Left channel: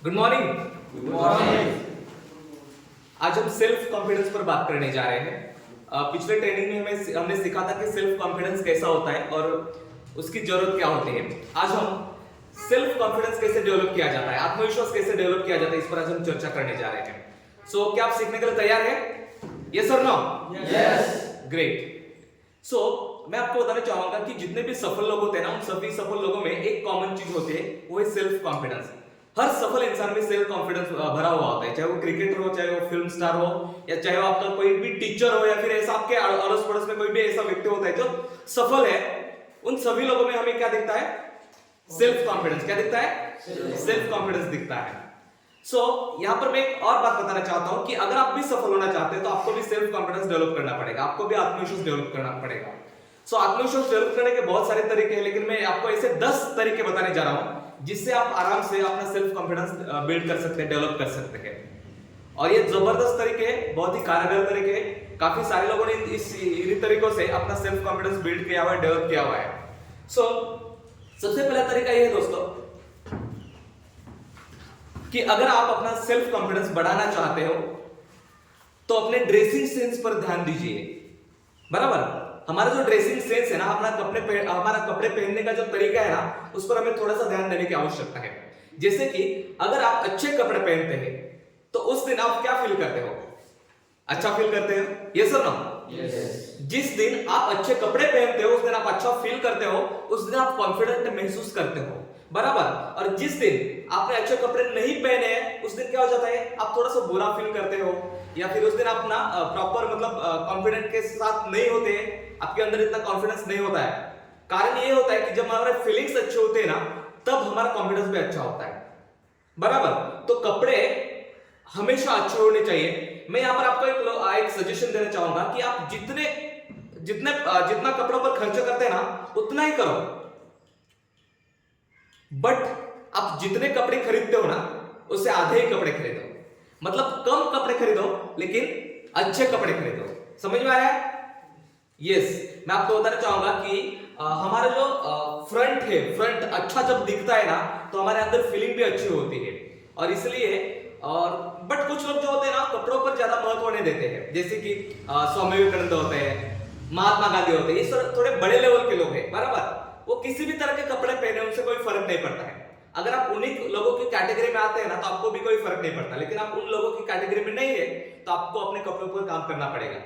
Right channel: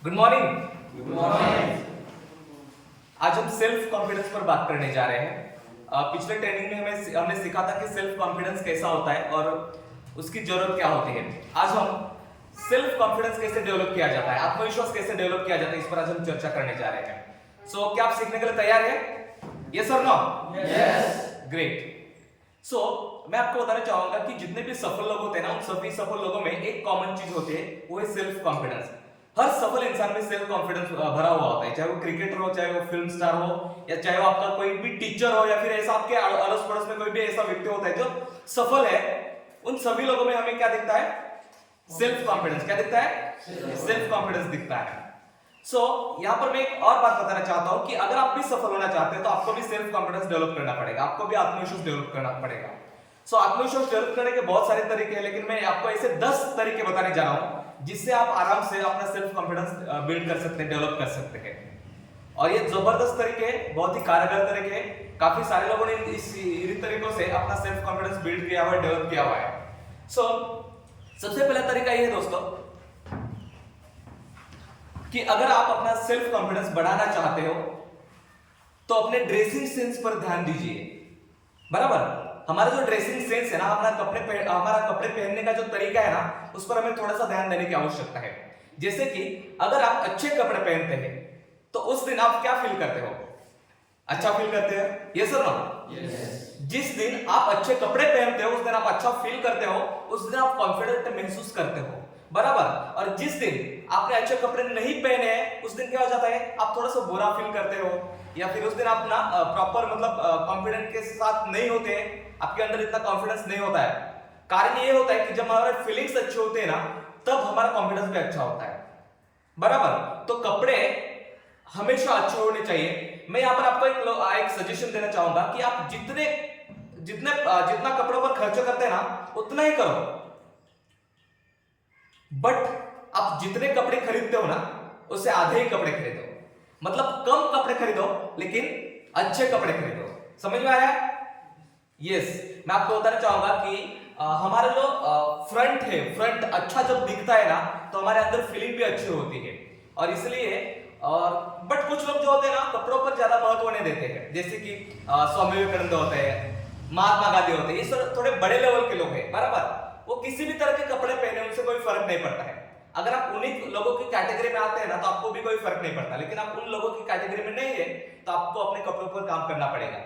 Good morning. Good morning. आज हम self confidence पर बात करने जा रहे हैं। पिछले ट्रेनिंग में हमने सीखा था कि सेल्फ कॉन्फिडेंस कैसा होता है और उसकी जरूरत क्या होती है। आज हम सेल्फ कॉन्फिडेंस कैसे डेवलप किया जाता है, आत्मविश्वास कैसे डेवलप किया जाता है, इस पर आज हम चर्चा करने जा रहे हैं। क्या आप सीखने के लिए तैयार है? यस और नो? यस। ग्रेट। मैं आपको बताना चाहूंगा कि जितने भी सफल लोग होते हैं ना, उन सभी सफल लोगों में एक कॉमन चीज होती है, वो है सेल्फ कॉन्फिडेंस। हर सफल इंसान में सेल्फ कॉन्फिडेंस भरा हुआ होता है, चाहे वो क्रिकेटर हो, चाहे वो फिल्म स्टार हो, या चाहे वो आपका कोई भी टीचर हो, या फिर ऐसा आपके अड़ोस पड़ोस में कोई भी ऐसा व्यक्ति होता है जो सफल है। उन सभी लोगों में हमें क्या दिखता है? Self confidence. क्या दिखता है? सेल्फ कॉन्फिडेंस दिखता है। यहां पर मैं एक और बात बताना चाहता हूं कि अगर आप भी सफल होना चाहते हैं तो आपको भी सेल्फ कॉन्फिडेंस डेवलप करना पड़ेगा, आपको भी आत्मविश्वास डेवलप करना पड़ेगा। आत्मविश्वास डेवलप करने के बहुत सारे तरीके हैं, लेकिन मैं आपको ऐसे 10 तरीके बताने जा रहा हूं जिससे आप आराम से अपना सेल्फ कॉन्फिडेंस बिल्ड कर सकते हैं, डेवलप कर सकते हैं। और ये जबरदस्त तरीके हैं, बहुत ही कारगर तरीके हैं। काफी सारे लोगों ने इन्हीं तरीकों से अपना सेल्फ कॉन्फिडेंस बिल्ड किया हुआ है, डेवलप किया हुआ है। सबसे पहला तरीका ये है दोस्तों कि अगर आप अपना सेल्फ कॉन्फिडेंस बढ़ाना चाहते हो तो अपने ड्रेसिंग सेंस पर ध्यान दीजिए। बराबर? हमारा जो ड्रेसिंग सेंस है ना, हमारा कपड़े पहनने का जो तरीका है ना, उस पर हमें थोड़ा सा ध्यान देने की आवश्यकता है। जैसे कि अगर आप अच्छे कपड़े पहनते हैं तो उस दिन आप क्या फील करते हो? अच्छा फील करते हो? यस और नो? यस। जिस दिन आप अच्छे कपड़े पहनते हो उस दिन आप अच्छा फील करते हो, उस दिन आप कॉन्फिडेंट महसूस करते हो। बराबर? और जिस दिन आपने अच्छे कपड़े नहीं पहने हैं उस दिन क्या हो जाता है? आप थोड़ा सा बुरा फील करते हो, या फिर उस दिन आप ना प्रॉपर मतलब कॉन्फिडेंट के साथ नहीं होते, आपके अंदर इतना कॉन्फिडेंस नहीं होता है। कारण ये होता है कि जब हमारे फीलिंग्स अच्छे होते हैं ना, तब हमारा कॉन्फिडेंस भी अच्छा होता है। बराबर? तो कपड़े हमेशा अच्छे होने चाहिए। मैं यहां पर आपको एक सजेशन देना चाहूंगा कि आप जितना कपड़ों पर खर्च करते हैं ना, उतना ही करो। बट आप जितने कपड़े खरीदते हो ना, उससे आधे ही कपड़े खरीदो। मतलब कम कपड़े खरीदो लेकिन अच्छे कपड़े खरीदो। समझ में आ रहा है? यस। मैं आपको बताना चाहूंगा कि हमारा जो फ्रंट अच्छा जब दिखता है ना, तो हमारे अंदर फीलिंग भी अच्छी होती है। और इसलिए बट कुछ लोग जो होते हैं ना, कपड़ों पर ज्यादा महत्व नहीं देते हैं। जैसे कि स्वामी विवेकानंद होते हैं, महात्मा गांधी होते हैं, ये थोड़े बड़े लेवल के लोग हैं। बराबर? वो किसी भी तरह के कपड़े पहने, उनसे कोई फर्क नहीं पड़ता है। अगर आप उन्हीं लोगों की कैटेगरी में आते हैं ना, तो आपको भी कोई फर्क नहीं पड़ता। लेकिन आप उन लोगों की कैटेगरी में नहीं है तो आपको अपने कपड़ों पर काम करना पड़ेगा।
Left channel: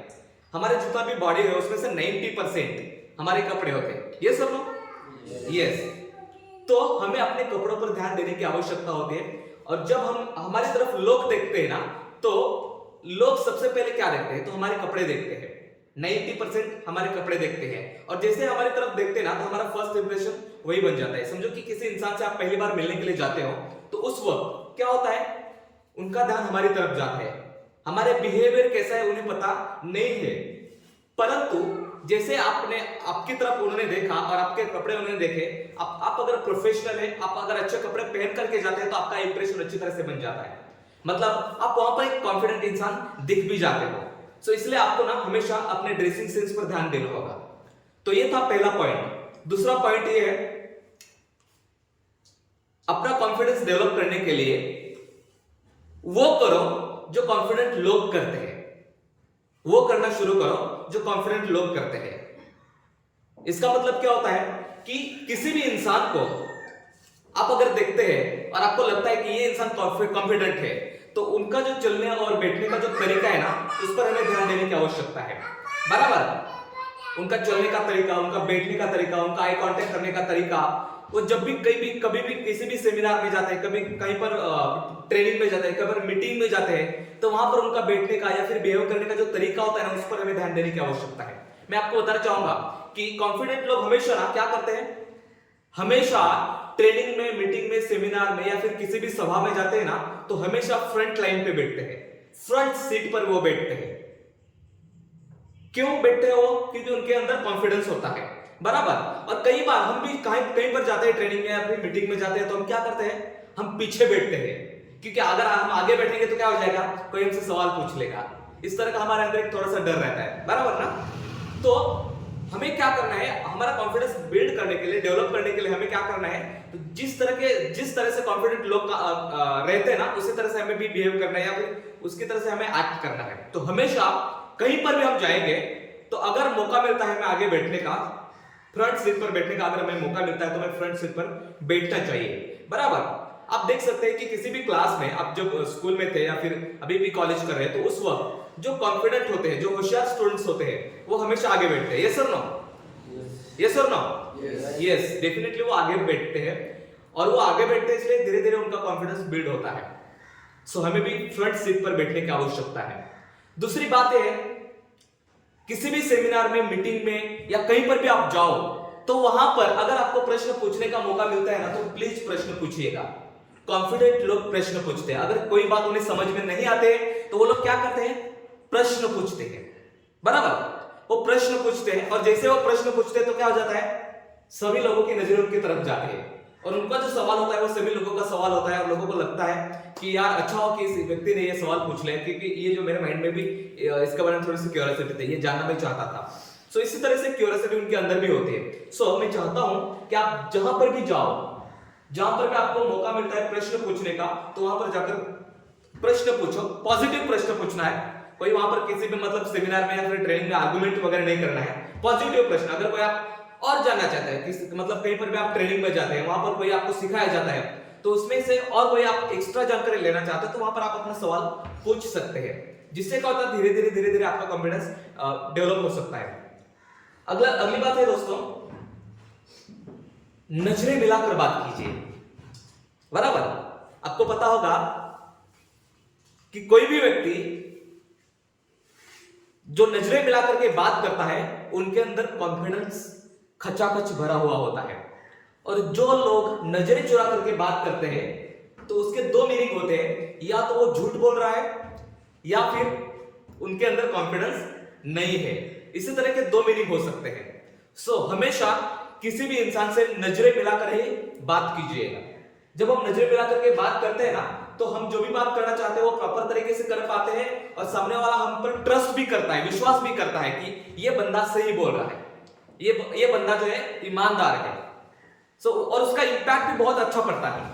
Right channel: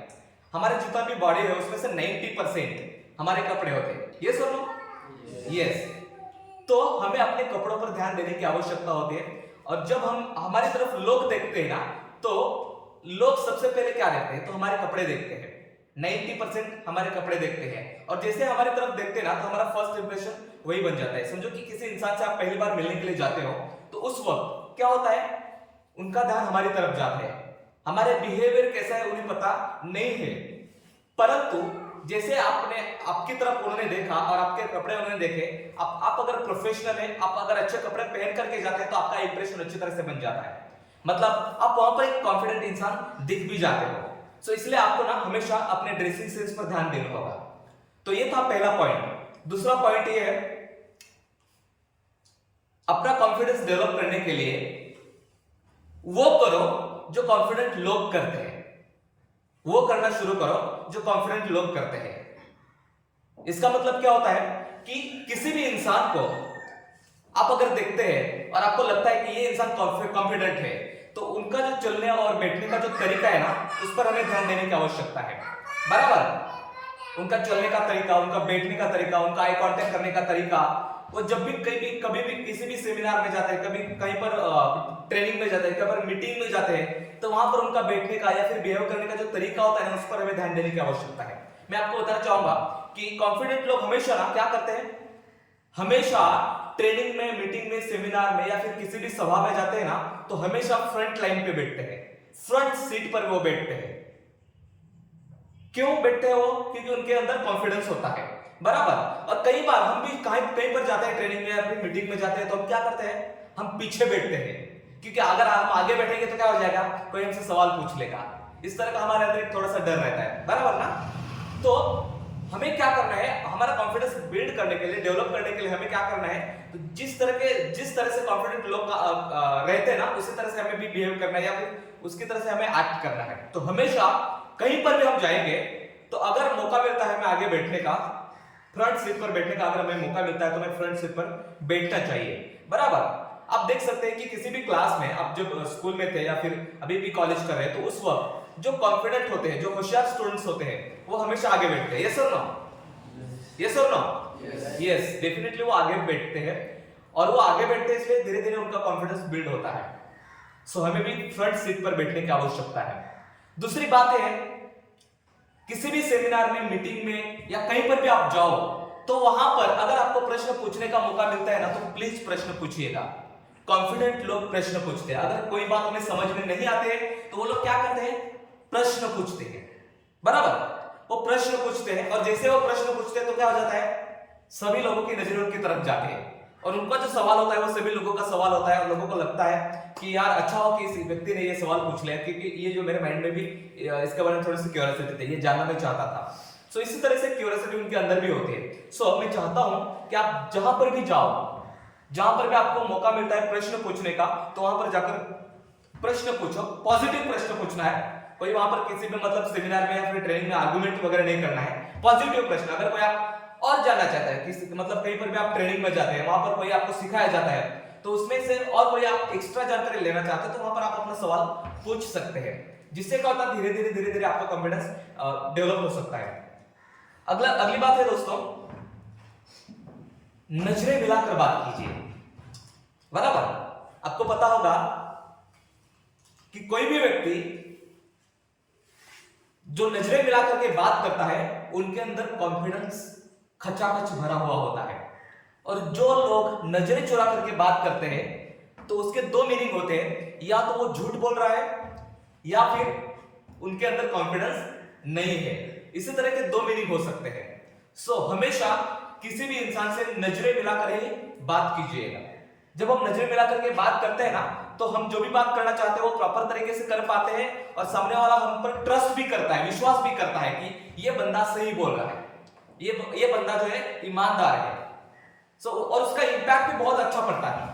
हमारे जितना भी बॉडी है उसमें से 90% हमारे कपड़े होते हैं। ये सब यस। तो हमें अपने कपड़ों पर ध्यान देने की आवश्यकता होती है। और जब हम हमारी तरफ लोग देखते हैं ना, तो लोग सबसे पहले क्या देखते हैं? तो हमारे कपड़े देखते हैं। 90% हमारे कपड़े देखते हैं, और जैसे हमारी तरफ देखते हैं ना, तो हमारा फर्स्ट इंप्रेशन वही बन जाता है। समझो कि किसी इंसान से आप पहली बार मिलने के लिए जाते हो, तो उस वक्त क्या होता है? उनका ध्यान हमारी तरफ जाता है। हमारे बिहेवियर कैसा है उन्हें पता नहीं है, परंतु जैसे आपकी तरफ उन्होंने देखा और आपके कपड़े उन्होंने देखे, आप अगर प्रोफेशनल है, आप अगर अच्छे कपड़े पहन करके जाते हैं, तो आपका इंप्रेशन अच्छी तरह से बन जाता है। मतलब आप वहां पर एक कॉन्फिडेंट इंसान दिख भी जाते हो। इसलिए आपको ना हमेशा अपने ड्रेसिंग सेंस पर ध्यान देना होगा। तो ये था पहला पॉइंट। दूसरा पॉइंट ये है, अपना कॉन्फिडेंस डेवलप करने के लिए वो करो जो कॉन्फिडेंट लोग करते हैं। वो करना शुरू करो जो कॉन्फिडेंट लोग करते हैं। इसका मतलब क्या होता है कि किसी भी इंसान को आप अगर देखते हैं और आपको लगता है कि ये इंसान कॉन्फिडेंट है, तो उनका जो चलने और बैठने का जो तरीका है ना, उस पर हमें ध्यान देने की आवश्यकता है। बराबर? उनका चलने का तरीका, उनका बैठने का तरीका, उनका आई कांटेक्ट करने का तरीका, वो जब भी कभी भी किसी भी सेमिनार में जाते हैं, कभी कहीं पर ट्रेनिंग में जाते हैं, कभी मीटिंग में जाते हैं, तो वहां पर उनका बैठने का या फिर बिहेव करने का जो तरीका होता है ना, उस पर हमें ध्यान देने की आवश्यकता है। मैं आपको बताना चाहूंगा कि कॉन्फिडेंट लोग हमेशा ना क्या करते हैं, हमेशा ट्रेनिंग में, मीटिंग में, सेमिनार में या फिर किसी भी सभा में जाते हैं ना, तो हमेशा फ्रंट लाइन पे बैठते हैं, फ्रंट सीट पर वो बैठते हैं। क्यों बैठते हैं वो? क्योंकि उनके अंदर कॉन्फिडेंस होता है। बराबर? और कई बार हम भी कहीं पर जाते हैं, ट्रेनिंग में या फिर मीटिंग में जाते हैं, तो हम क्या करते हैं? हम पीछे बैठते हैं, क्योंकि अगर हम आगे बैठेंगे तो क्या हो जाएगा? कोई हमसे सवाल पूछ लेगा। इस तरह का हमारे अंदर एक थोड़ा सा डर रहता है। बराबर ना? तो हमें क्या करना है, हमारा कॉन्फिडेंस बिल्ड करने के लिए, डेवलप करने के लिए हमें क्या करना है, तो जिस तरह से कॉन्फिडेंट लोग रहते हैं ना, उसी तरह से हमें भी बिहेव करना है या फिर उसकी तरह से हमें एक्ट करना है। तो हमेशा कहीं पर भी हम जाएंगे तो अगर मौका मिलता है हमें आगे बैठने का, फ्रंट सीट पर बैठने का अगर हमें मौका मिलता है तो हमें फ्रंट सीट पर बैठना चाहिए, बराबर। आप देख सकते हैं कि किसी भी क्लास में आप जब स्कूल में थे या फिर अभी भी कॉलेज कर रहे हैं, तो उस वक्त जो कॉन्फिडेंट होते हैं, जो होशियार स्टूडेंट्स होते हैं, वो हमेशा आगे बैठते हैं। यस और नो? यस और नो? यस, डेफिनेटली वो आगे बैठते हैं, और वो आगे बैठते हैं इसलिए धीरे धीरे उनका कॉन्फिडेंस बिल्ड होता है। सो हमें भी फ्रंट सीट पर बैठने की आवश्यकता है। दूसरी बात है, किसी भी सेमिनार में, मीटिंग में या कहीं पर भी आप जाओ तो वहां पर अगर आपको प्रश्न पूछने का मौका मिलता है ना, तो प्लीज प्रश्न पूछिएगा। कॉन्फिडेंट लोग प्रश्न पूछते हैं। अगर कोई बात उन्हें समझ में नहीं आते तो वो लोग क्या करते हैं, प्रश्न पूछते हैं, बराबर। वो प्रश्न पूछते हैं, और जैसे वो प्रश्न पूछते हैं तो क्या हो जाता है, सभी लोगों की नजरें उनकी तरफ जाती है, और उनका जो सवाल होता है वो सभी लोगों का सवाल होता है, और लोगों को लगता है कि यार अच्छा हो कि इस व्यक्ति ने ये सवाल पूछ लिया, क्योंकि ये जो मेरे माइंड में भी इसके बारे में थोड़ी सी क्यूरियोसिटी थी, ये जानना मैं चाहता था। सो इसी तरह से क्यूरियोसिटी उनके अंदर भी होती है। सो मैं चाहता हूं कि आप जहां पर भी जाओ, जहां पर भी आपको मौका मिलता है प्रश्न पूछने का, तो वहां पर जाकर प्रश्न पूछो। पॉजिटिव प्रश्न पूछना है। कोई वहां पर किसी भी मतलब सेमिनार में या फिर ट्रेनिंग में आर्गुमेंट वगैरह नहीं करना है। पॉजिटिव प्रश्न, अगर कोई आप और जानना चाहता है कि मतलब कहीं पर भी आप ट्रेनिंग में जाते हैं, वहां पर कोई आपको सिखाया जाता है, तो उसमें से और कोई आप एक्स्ट्रा जानकारी लेना चाहते हैं, तो वहां पर आप अपना सवाल पूछ सकते हैं, जिससे क्या होता है धीरे धीरे आपका कॉन्फिडेंस डेवलप हो सकता है। अगली बात है दोस्तों, नजरें मिलाकर बात कीजिए, बराबर। आपको पता होगा कि कोई भी व्यक्ति जो नजरें मिलाकर के बात करता है उनके अंदर कॉन्फिडेंस खचाखच भरा हुआ होता है, और जो लोग नजरें चुरा करके बात करते हैं तो उसके दो मीनिंग होते हैं, या तो वो झूठ बोल रहा है या फिर उनके अंदर कॉन्फिडेंस नहीं है। इसी तरह के दो मीनिंग हो सकते हैं। सो हमेशा किसी भी इंसान से नजरें मिलाकर ही बात कीजिएगा। जब हम नजरें मिलाकर के बात करते हैं ना, तो हम जो भी बात करना चाहते हैं वो प्रॉपर तरीके से कर पाते हैं, और सामने वाला हम पर ट्रस्ट भी करता है, विश्वास भी करता है कि ये बंदा सही बोल रहा है, ये बंदा जो है ईमानदार है। सो और उसका इंपैक्ट भी बहुत अच्छा पड़ता है।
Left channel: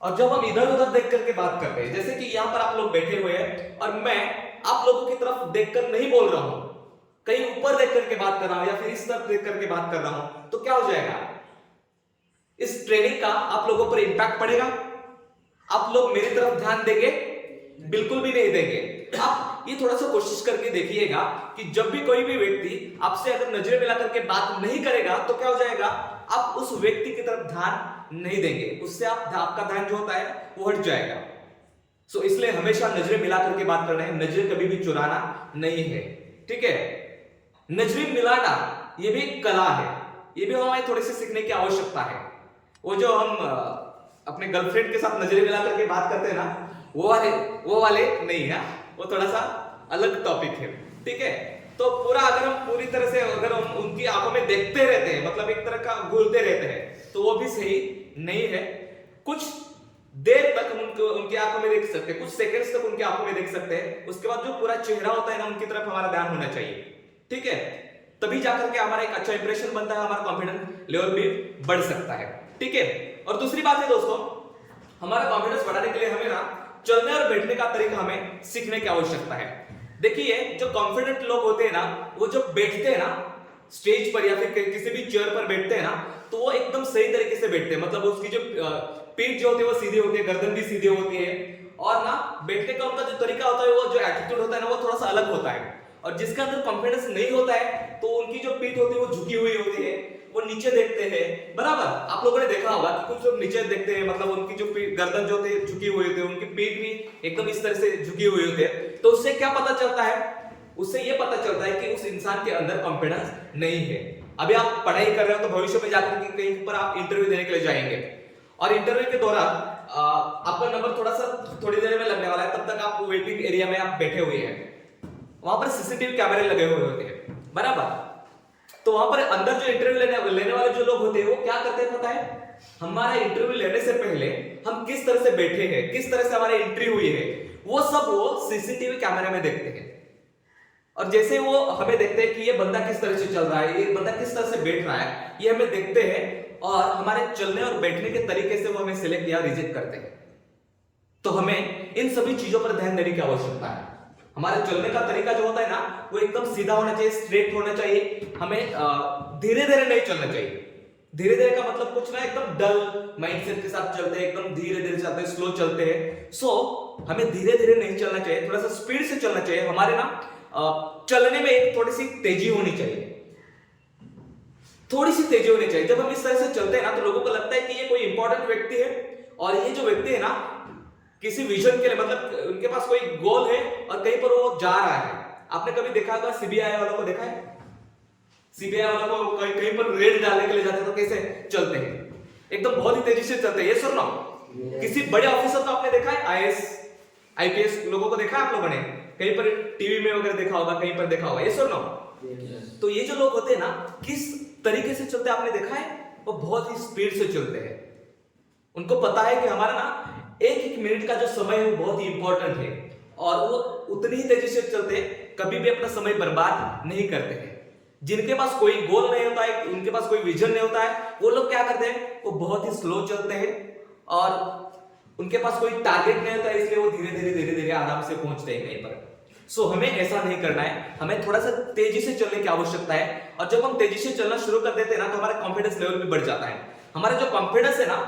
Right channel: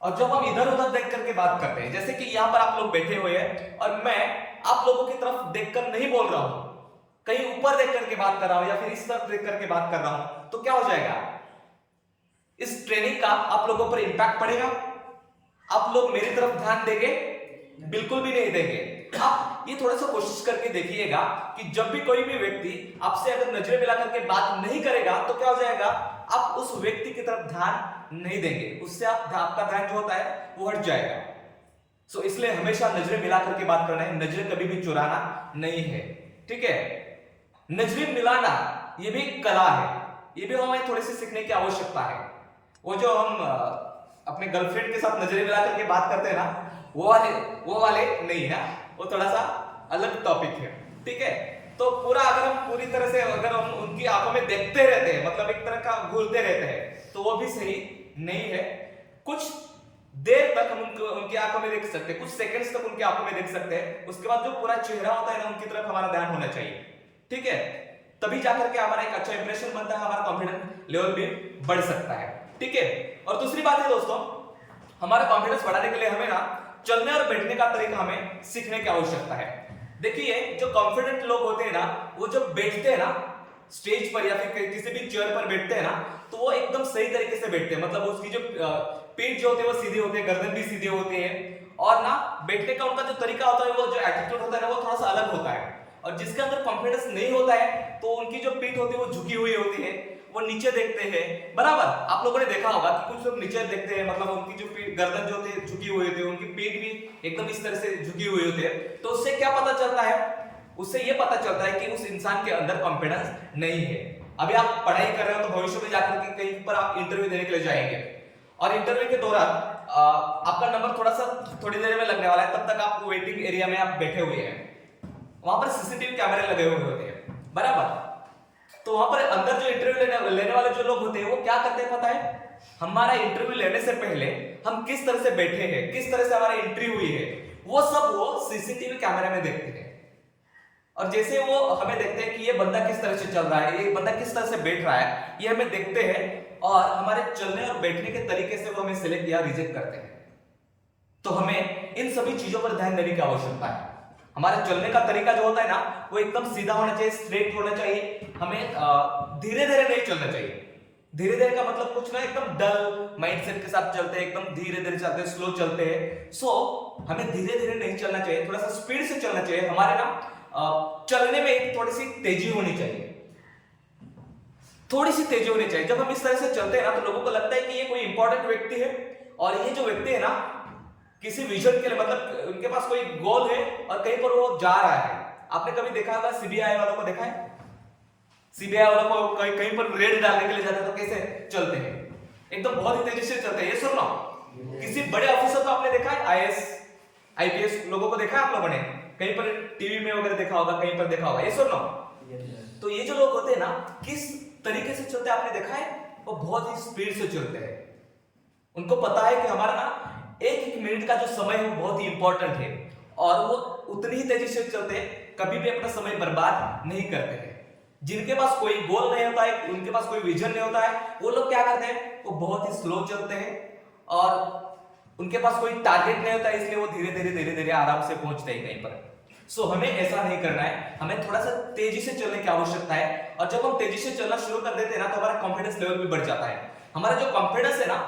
और जब हम इधर उधर देख करके बात करते हैं, जैसे कि यहां पर आप लोग बैठे हुए हैं और मैं आप लोगों की तरफ देखकर नहीं बोल रहा हूं, कहीं ऊपर देख करके बात कर रहा हूं या फिर इस तरफ देख करके बात कर रहा हूं, तो क्या हो जाएगा, इस ट्रेनिंग का आप लोगों पर इंपैक्ट पड़ेगा। आप लोग मेरी तरफ ध्यान देंगे? बिल्कुल भी नहीं देंगे। आप ये थोड़ा सा कोशिश करके देखिएगा कि जब भी कोई भी व्यक्ति आपसे अगर नजरें मिला करके बात नहीं करेगा तो क्या हो जाएगा, आप उस व्यक्ति की तरफ ध्यान नहीं देंगे, उससे आपका ध्यान जो होता है वो हट जाएगा। सो इसलिए हमेशा नजरें मिला करके बात करना है, नजरें कभी भी चुराना नहीं है, ठीक है। नजरें मिलाना ये भी एक कला है, ये भी हमें थोड़ी सी सीखने की आवश्यकता है। वो जो हम अपने गर्लफ्रेंड के साथ नजरें मिला करके बात करते हैं ना, वो वाले नहीं है, वो थोड़ा सा अलग टॉपिक है, ठीक है। तो पूरा अगर हम पूरी तरह से अगर हम उनकी आंखों में देखते रहते हैं, मतलब एक तरह का घूरते रहते हैं, तो वो भी सही नहीं है। कुछ देर तक हम उनकी आंखों में देख सकते हैं, कुछ सेकंड्स तक उनकी आंखों में देख सकते हैं, उसके बाद जो पूरा चेहरा होता है ना, उनकी तरफ हमारा ध्यान होना चाहिए, ठीक है। तभी जाकर के हमारा एक अच्छा इंप्रेशन बनता है, हमारा कॉन्फिडेंस लेवल भी बढ़ सकता है, ठीक है। और दूसरी बात है दोस्तों, हमारा कॉन्फिडेंस बढ़ाने के लिए हमें ना चलने और बैठने का तरीका हमें सीखने की आवश्यकता है। देखिए, जो कॉन्फिडेंट लोग होते हैं ना, वो जब बैठते हैं ना स्टेज पर या फिर किसी भी चेयर पर बैठते हैं ना, तो वो एकदम सही तरीके से बैठते हैं, मतलब उसकी जो पीठ जो होती है वो सीधी होती है, गर्दन भी सीधी होती है, और ना बैठने का उनका जो तरीका होता है, वो जो एटीट्यूड होता है ना, वो थोड़ा सा अलग होता है। और जिसके अंदर कॉन्फिडेंस नहीं होता है, तो उनकी जो पीठ होती है वो झुकी हुई होती है, वो नीचे देखते हैं, बराबर। आप लोगों ने देखा होगा कि कुछ लोग नीचे देखते हैं, मतलब उनकी जो गर्दन जो होती है झुकी हुई होती है, उनकी पीठ भी एकदम इस तरह से झुकी हुई होती है। तो उससे क्या पता चलता है, उससे ये पता चलता है कि उस इंसान के अंदर कॉन्फिडेंस नहीं है। अभी आप पढ़ाई कर रहे हो तो भविष्य में जाकर के कहीं पर आप इंटरव्यू देने के लिए जाएंगे, और इंटरव्यू के दौरान आपका नंबर थोड़ी देर में लगने वाला है, तब तक आप वेटिंग एरिया में आप बैठे हुए हैं, वहां पर सीसीटीवी कैमरे लगे हुए होते हैं, बराबर। तो वहां पर अंदर जो इंटरव्यू लेने वाले जो लोग होते हैं, वो क्या करते हैं पता है, हमारा इंटरव्यू लेने से पहले हम किस तरह से बैठे हैं, किस तरह से हमारी एंट्री हुई है, वो सब वो सीसीटीवी कैमरे में देखते हैं। और जैसे वो हमें देखते हैं कि ये बंदा किस तरह से चल रहा है, ये बंदा किस तरह से बैठ रहा है, ये हमें देखते हैं और हमारे चलने और बैठने के तरीके से वो हमें सिलेक्ट या रिजेक्ट करते हैं। तो हमें इन सभी चीजों पर ध्यान देने की आवश्यकता है। हमारे चलने का तरीका जो होता है ना, वो एकदम सीधा होना चाहिए, स्ट्रेट होना चाहिए। हमें धीरे धीरे नहीं चलना चाहिए। धीरे धीरे का मतलब कुछ ना एकदम डल माइंडसेट के साथ चलते हैं, एकदम धीरे धीरे चलते हैं, स्लो चलते हैं। सो हमें धीरे धीरे नहीं चलना चाहिए, थोड़ा सा स्पीड से चलना चाहिए। हमारे ना चलने में एक थोड़ी सी तेजी होनी चाहिए, थोड़ी सी तेजी होनी चाहिए। जब हम इस तरह से चलते हैं ना, तो लोगों को लगता है कि ये कोई इंपॉर्टेंट व्यक्ति है, और ये जो व्यक्ति है ना किसी विजन के लिए, मतलब उनके पास कोई गोल है और कहीं पर वो जा रहा है। आपने कभी देखा होगा सीबीआई वालों को, देखा है सीबीआई वालों को कहीं पर रेड डालने के लिए जाते हैं तो कैसे चलते हैं, एकदम बहुत ही तेजी से चलते हैं। ये सुनो, किसी बड़े ऑफिसर को आपने देखा है, आईएएस आईपीएस लोगों को देखा है आप लोगों ने, कहीं पर टीवी में वगैरह देखा होगा, कहीं पर देखा होगा। ये सुनो, तो ये जो लोग होते हैं ना, किस तरीके से चलते हैं आपने देखा है, वो बहुत ही स्पीड से चलते हैं। उनको पता है कि हमारा ना एक एक मिनट का जो समय है वो बहुत ही इंपॉर्टेंट है, और वो उतनी ही तेजी से चलते हैं, कभी भी अपना समय बर्बाद नहीं करते हैं। जिनके पास कोई गोल नहीं होता है, उनके पास कोई विजन नहीं होता है, वो लोग क्या करते हैं, वो बहुत ही स्लो चलते हैं, और उनके पास कोई टारगेट नहीं होता है, इसलिए वो धीरे धीरे आराम से पहुंचते हैं कहीं पर। सो हमें ऐसा नहीं करना है, हमें थोड़ा सा तेजी से चलने की आवश्यकता है। और जब हम तेजी से चलना शुरू कर देते हैं ना, तो हमारा कॉन्फिडेंस लेवल भी बढ़ जाता है। हमारा जो कॉन्फिडेंस है ना,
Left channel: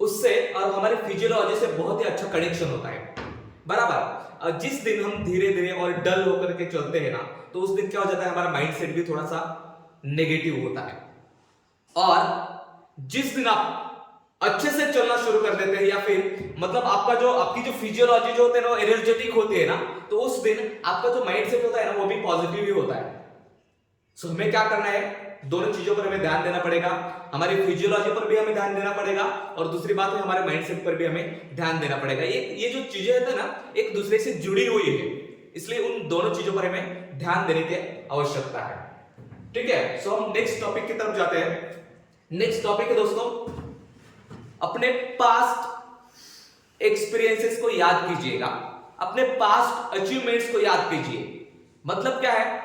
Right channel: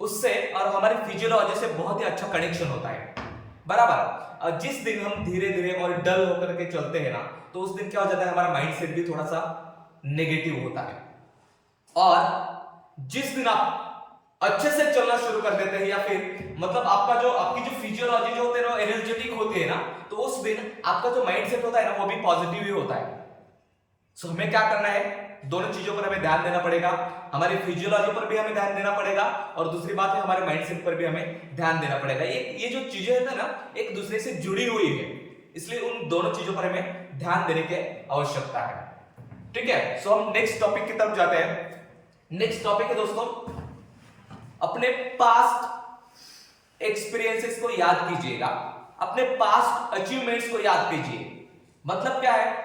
उससे और हमारी फिजियोलॉजी से बहुत ही अच्छा कनेक्शन होता है, बराबर। जिस दिन हम धीरे धीरे और डल होकर के चलते हैं ना, तो उस दिन क्या हो जाता है, हमारा माइंडसेट भी थोड़ा सा नेगेटिव होता है। और जिस दिन आप अच्छे से चलना शुरू कर देते हैं, या फिर मतलब आपकी जो फिजियोलॉजी जो होते हैं ना, एनर्जेटिक होती है ना, तो उस दिन आपका जो माइंडसेट होता है ना, वो भी पॉजिटिव ही होता है। सो हमें क्या करना है, दोनों चीजों पर हमें ध्यान देना पड़ेगा। हमारी फिजियोलॉजी पर भी हमें ध्यान देना पड़ेगा, और दूसरी बात है हमारे माइंडसेट पर भी हमें ध्यान देना पड़ेगा। ये जो चीजें होती है ना, एक दूसरे से जुड़ी हुई है, इसलिए उन दोनों चीजों पर हमें ध्यान देने की आवश्यकता है। ठीक है, सो हम नेक्स्ट टॉपिक की तरफ जाते हैं। नेक्स्ट टॉपिक है दोस्तों, अपने पास्ट एक्सपीरियंसेस को याद कीजिएगा, अपने पास्ट अचीवमेंट्स को याद कीजिए। मतलब क्या है,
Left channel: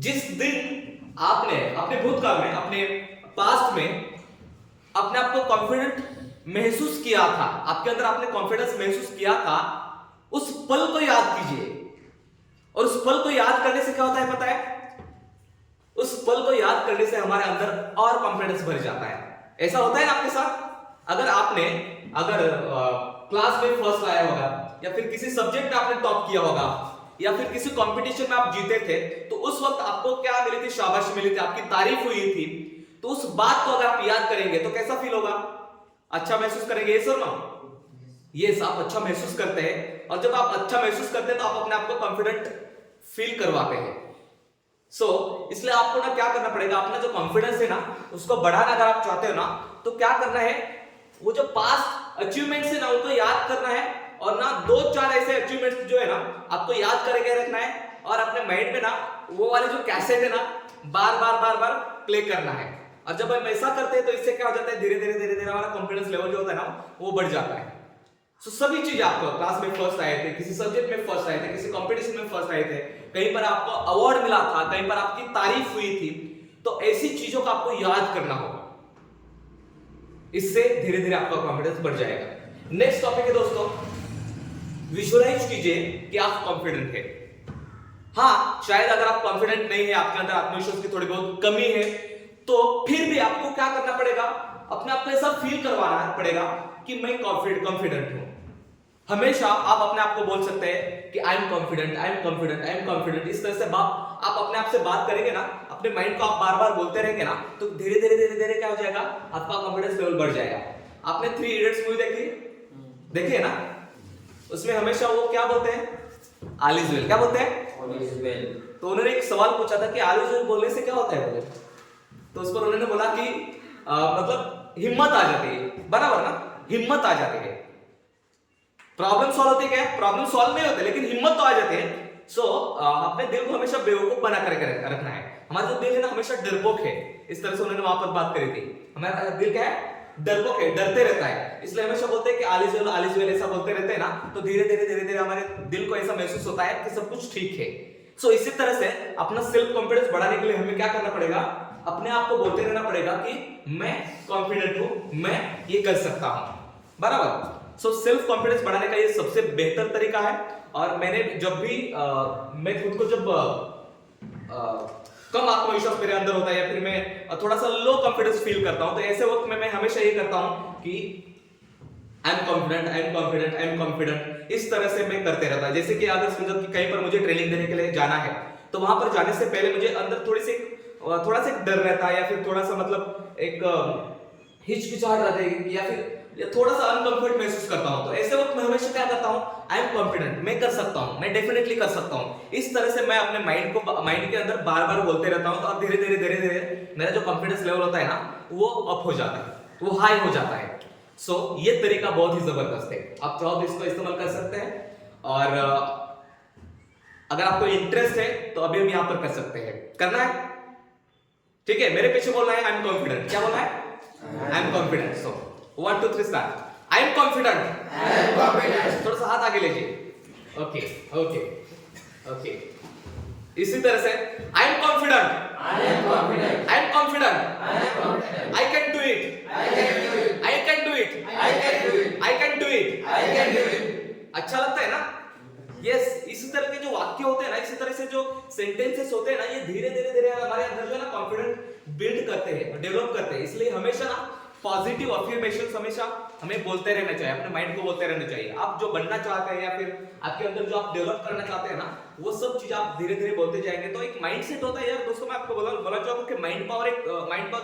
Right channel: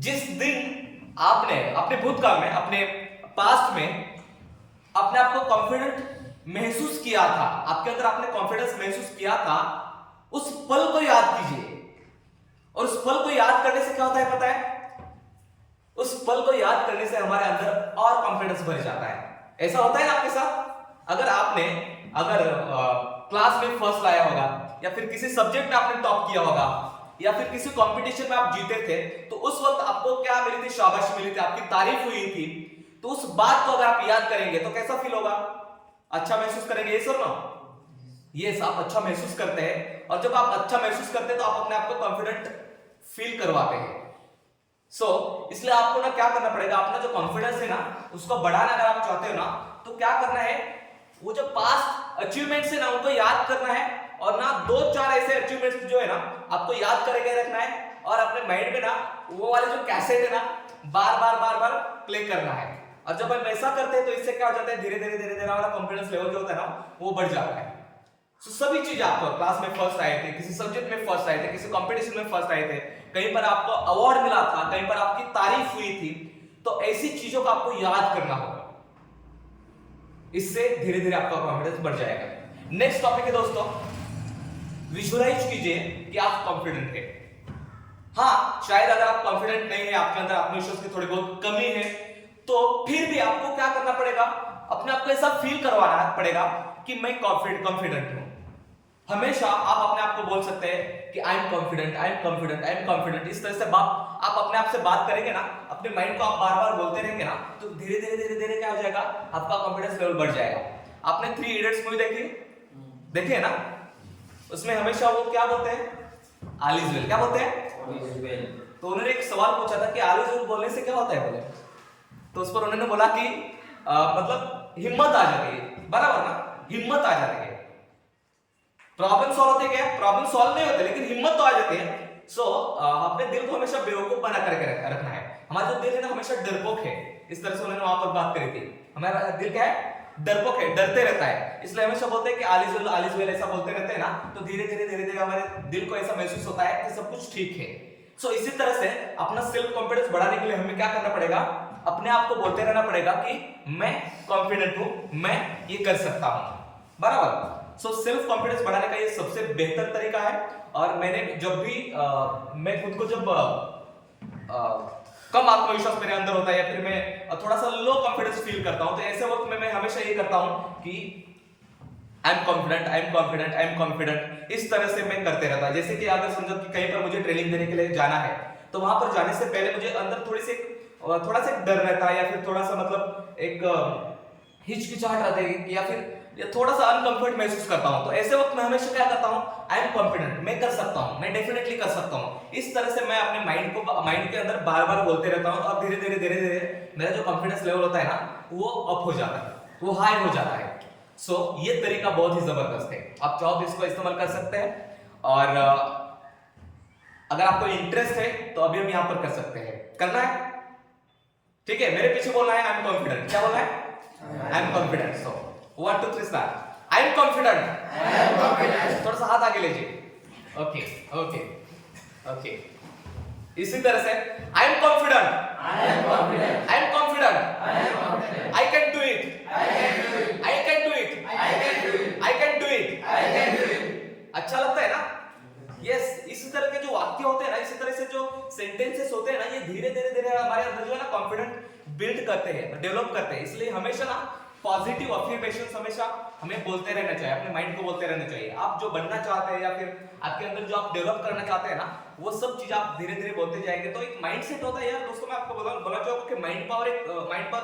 जिस दिन आपने अपने भूतकाल में, अपने पास्ट में अपने आप को कॉन्फिडेंट महसूस किया था, आपके अंदर आपने कॉन्फिडेंस महसूस किया था, उस पल को याद कीजिए। और उस पल को याद करने से क्या होता है पता है, उस पल को याद करने से हमारे अंदर और कॉन्फिडेंस बढ़ जाता है। ऐसा होता है ना आपके साथ, अगर क्लास में फर्स्ट लाया होगा, या फिर किसी सब्जेक्ट में आपने टॉप किया होगा, या फिर किसी कंपटीशन में आप जीते थे, तो उस वक्त आपको क्या मिली थी, शाबाशी मिली थी, आपकी तारीफ हुई थी। तो उस बात को अगर आप याद करेंगे तो कैसा फील होगा, अच्छा महसूस करेंगे। ये सुनो, ये आप अच्छा महसूस करते हैं, और जब आप अच्छा महसूस करते हैं तो आप अपने आप को कॉन्फिडेंट फील करवाते हैं। इसलिए आपको ना क्या करना पड़ेगा, अपना जो कॉन्फिडेंस है ना, उसको बढ़ाना अगर आप चाहते हो ना, तो क्या करना है, वो जो पास्ट अचीवमेंट्स है ना, उनको याद करना है, और ना 2-4 ऐसे अचीवमेंट्स जो है ना, आपको याद करके रखना है, और अपने माइंड में ना वो वाले जो कैसेट है ना, बार बार प्ले करना है। और जब हम ऐसा करते हैं तो इससे क्या हो जाता है, धीरे धीरे हमारा कॉन्फिडेंस लेवल जो होता है ना, वो बढ़ जाता है। सभी चीज, आपको क्लास में फर्स्ट आए थे, किसी सब्जेक्ट में फर्स्ट आए थे, किसी कंपटीशन में फर्स्ट आए थे, कहीं पर आपको अवार्ड मिला था, कहीं पर आपकी तारीफ हुई थी, तो ऐसी चीजों को आपको याद करना होगा। इससे धीरे धीरे आपका कॉन्फिडेंस बढ़ जाएगा। नेक्स्ट टॉपिक है दोस्तों, विजुअलाइज कीजिए कि आप कॉन्फिडेंट है। हाँ, शायद अगर आप कॉन्फिडेंट नहीं है, आपके अंदर आत्मविश्वास की थोड़ी बहुत कमी है, तो फिर भी आपको क्या करना पड़ेगा, अपने आप को ऐसा फील करवाना पड़ेगा कि मैं कॉन्फिडेंट हूं। हमेशा आप अपने आप को बोल सकते हैं कि I am confident, I am confident, I am confident. इस तरह से आप अपने आप से बात करेंगे ना, अपने माइंड को आप बार बार बोलते रहेंगे ना, तो धीरे धीरे क्या हो जाएगा, आपका कॉन्फिडेंस लेवल बढ़ जाएगा। आपने 3 इडियट्स मूवी देखी है ना, उसमें हमेशा वो क्या बोलते हैं, ऑल इज वेल। क्या बोलते हैं, ऑल इज वेल। तो उन्होंने एक सवाल पूछा था कि ऑल इज वेल बोलने से क्या होता है बोले, तो उस पर उन्होंने बोला कि मतलब हिम्मत आ जाती है, बराबर ना, हिम्मत आ जाती है। प्रॉब्लम सॉल्व होते क्या, प्रॉब्लम सॉल्व नहीं होते, लेकिन हिम्मत तो आ जाती है। अपने दिल को हमेशा बेवकूफ बना करके रखना है। हमारा जो दिल है ना, हमेशा डरपोक है। इस तरह से उन्होंने वहां पर बात करी थी, हमारा दिल क्या है, डरपोक है, डरते रहता है, इसलिए हमेशा बोलते हैं कि आलिज वेल ऐसा बोलते रहते हैं ना, तो धीरे धीरे हमारे दिल को ऐसा महसूस होता है कि सब कुछ ठीक है। सो इसी तरह से अपना सेल्फ कॉन्फिडेंस बढ़ाने के लिए हमें क्या करना पड़ेगा, अपने आप को बोलते रहना पड़ेगा कि मैं कॉन्फिडेंट हूं, मैं ये कर सकता हूं, बराबर। सो सेल्फ कॉन्फिडेंस बढ़ाने का ये सबसे बेहतर तरीका है। और मैंने जब भी मैं खुद को जब कम आत्मविश्वास मेरे अंदर होता है या फिर मैं थोड़ा सा लो कॉन्फिडेंस फील करता हूं, तो ऐसे वक्त में मैं हमेशा ये करता हूं कि I am confident, I am confident, I am confident, इस तरह से मैं करते रहता हूं। जैसे कि अगर समझो कि कहीं पर मुझे ट्रेनिंग देने के लिए जाना है, तो वहां पर जाने से पहले मुझे अंदर थोड़ा सा एक डर रहता है, या फिर थोड़ा सा मतलब एक हिचकिचाहट रहती है, या थोड़ा सा अनकंफर्ट महसूस करता हूं। तो ऐसे वक्त मैं हमेशा क्या करता हूं, आई एम कॉन्फिडेंट, मैं कर सकता हूं, मैं डेफिनेटली कर सकता हूं। इस तरह से मैं अपने माइंड के अंदर बार बार बोलते रहता हूं, और धीरे धीरे मेरा जो कॉन्फिडेंस लेवल होता है ना, वो अप हो जाता है, वो हाई हो जाता है। सो ये तरीका बहुत ही जबरदस्त है, आप चाहो तो इसको इस्तेमाल कर सकते हैं। और अगर आपको इंटरेस्ट है तो अभी हम यहां पर कर सकते हैं, करना है, ठीक है। मेरे पीछे बोलना है आई एम कॉन्फिडेंट, क्या बोलना है, I am confident. So 1 2 3 start, I am confident, थोड़ा सा हाथ आगे लीजिए, ओके ओके ओके। इसी तरह से I am confident, I am confident, I am confident, I can do it, I can do it, I can do it. अच्छा लगता है ना, यस। इसी तरह के जो वाक्य होते हैं ना, इसी तरह से जो सेंटेंसेस होते हैं ना, ये धीरे धीरे हमारे अंदर जो है ना कॉन्फिडेंट बिल्ड करते हैं, डेवलप करते हैं। इसलिए हमेशा ना पॉजिटिव अफर्मेशंस हमेशा हमें बोलते रहना चाहिए, अपने माइंड को बोलते रहना चाहिए। आप जो बनना चाहते हैं या फिर आपके अंदर जो आप डेवलप करना चाहते हैं ना, वो सब चीज आप धीरे धीरे बोलते जाएंगे तो एक माइंडसेट होता है यार। दोस्तों मैं आपको बोला चाहूंगा कि माइंड पावर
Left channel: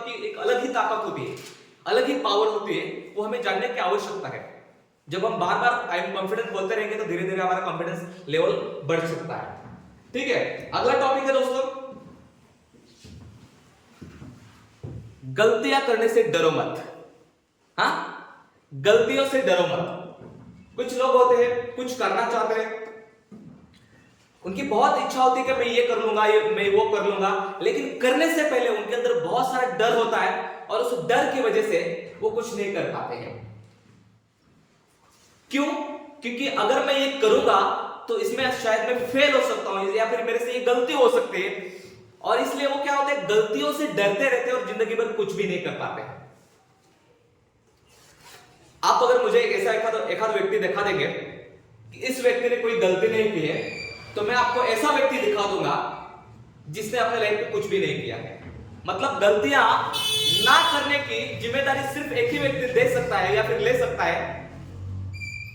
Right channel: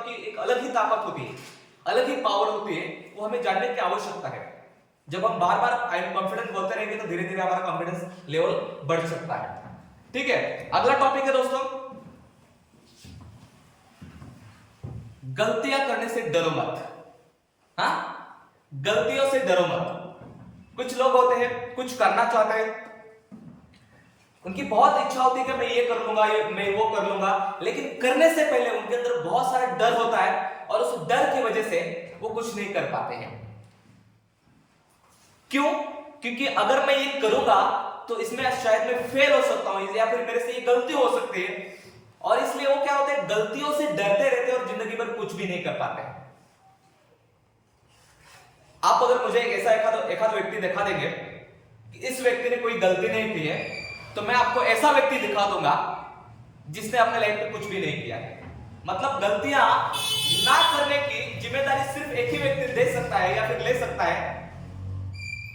की एक अलग ही ताकत होती है, अलग ही पावर होती है, वो हमें जानने की आवश्यकता है। जब हम बार बार आई एम कॉन्फिडेंट बोलते रहेंगे तो धीरे धीरे हमारा कॉन्फिडेंस लेवल बढ़ सकता है, ठीक है। अगला टॉपिक है दोस्तों, गलतियां करने से डरो मत। हाँ, गलतियों से डरो मत। कुछ लोग होते हैं, कुछ करना चाहते हैं, उनकी बहुत इच्छा होती है कि मैं ये कर लूंगा, मैं वो कर लूंगा, लेकिन करने से पहले उनके अंदर बहुत सारा डर होता है, और उस डर की वजह से वो कुछ नहीं कर पाते हैं। क्यों? क्योंकि अगर मैं ये करूंगा तो इसमें शायद मैं फेल हो सकता हूं, या फिर मेरे से ये गलती हो सकती है, और इसलिए वो क्या होते हैं, गलतियों से डरते रहते हैं और जिंदगी भर कुछ भी नहीं कर पाते हैं। आप अगर मुझे एक ऐसा एक आध व्यक्ति दिखा देंगे कि इस व्यक्ति ने कोई गलती नहीं की है, तो मैं आपको ऐसा व्यक्ति दिखा दूंगा जिसने अपने लाइफ में कुछ भी नहीं किया है। मतलब गलतियां ना करने की जिम्मेदारी सिर्फ एक ही व्यक्ति दे सकता है या फिर ले सकता है,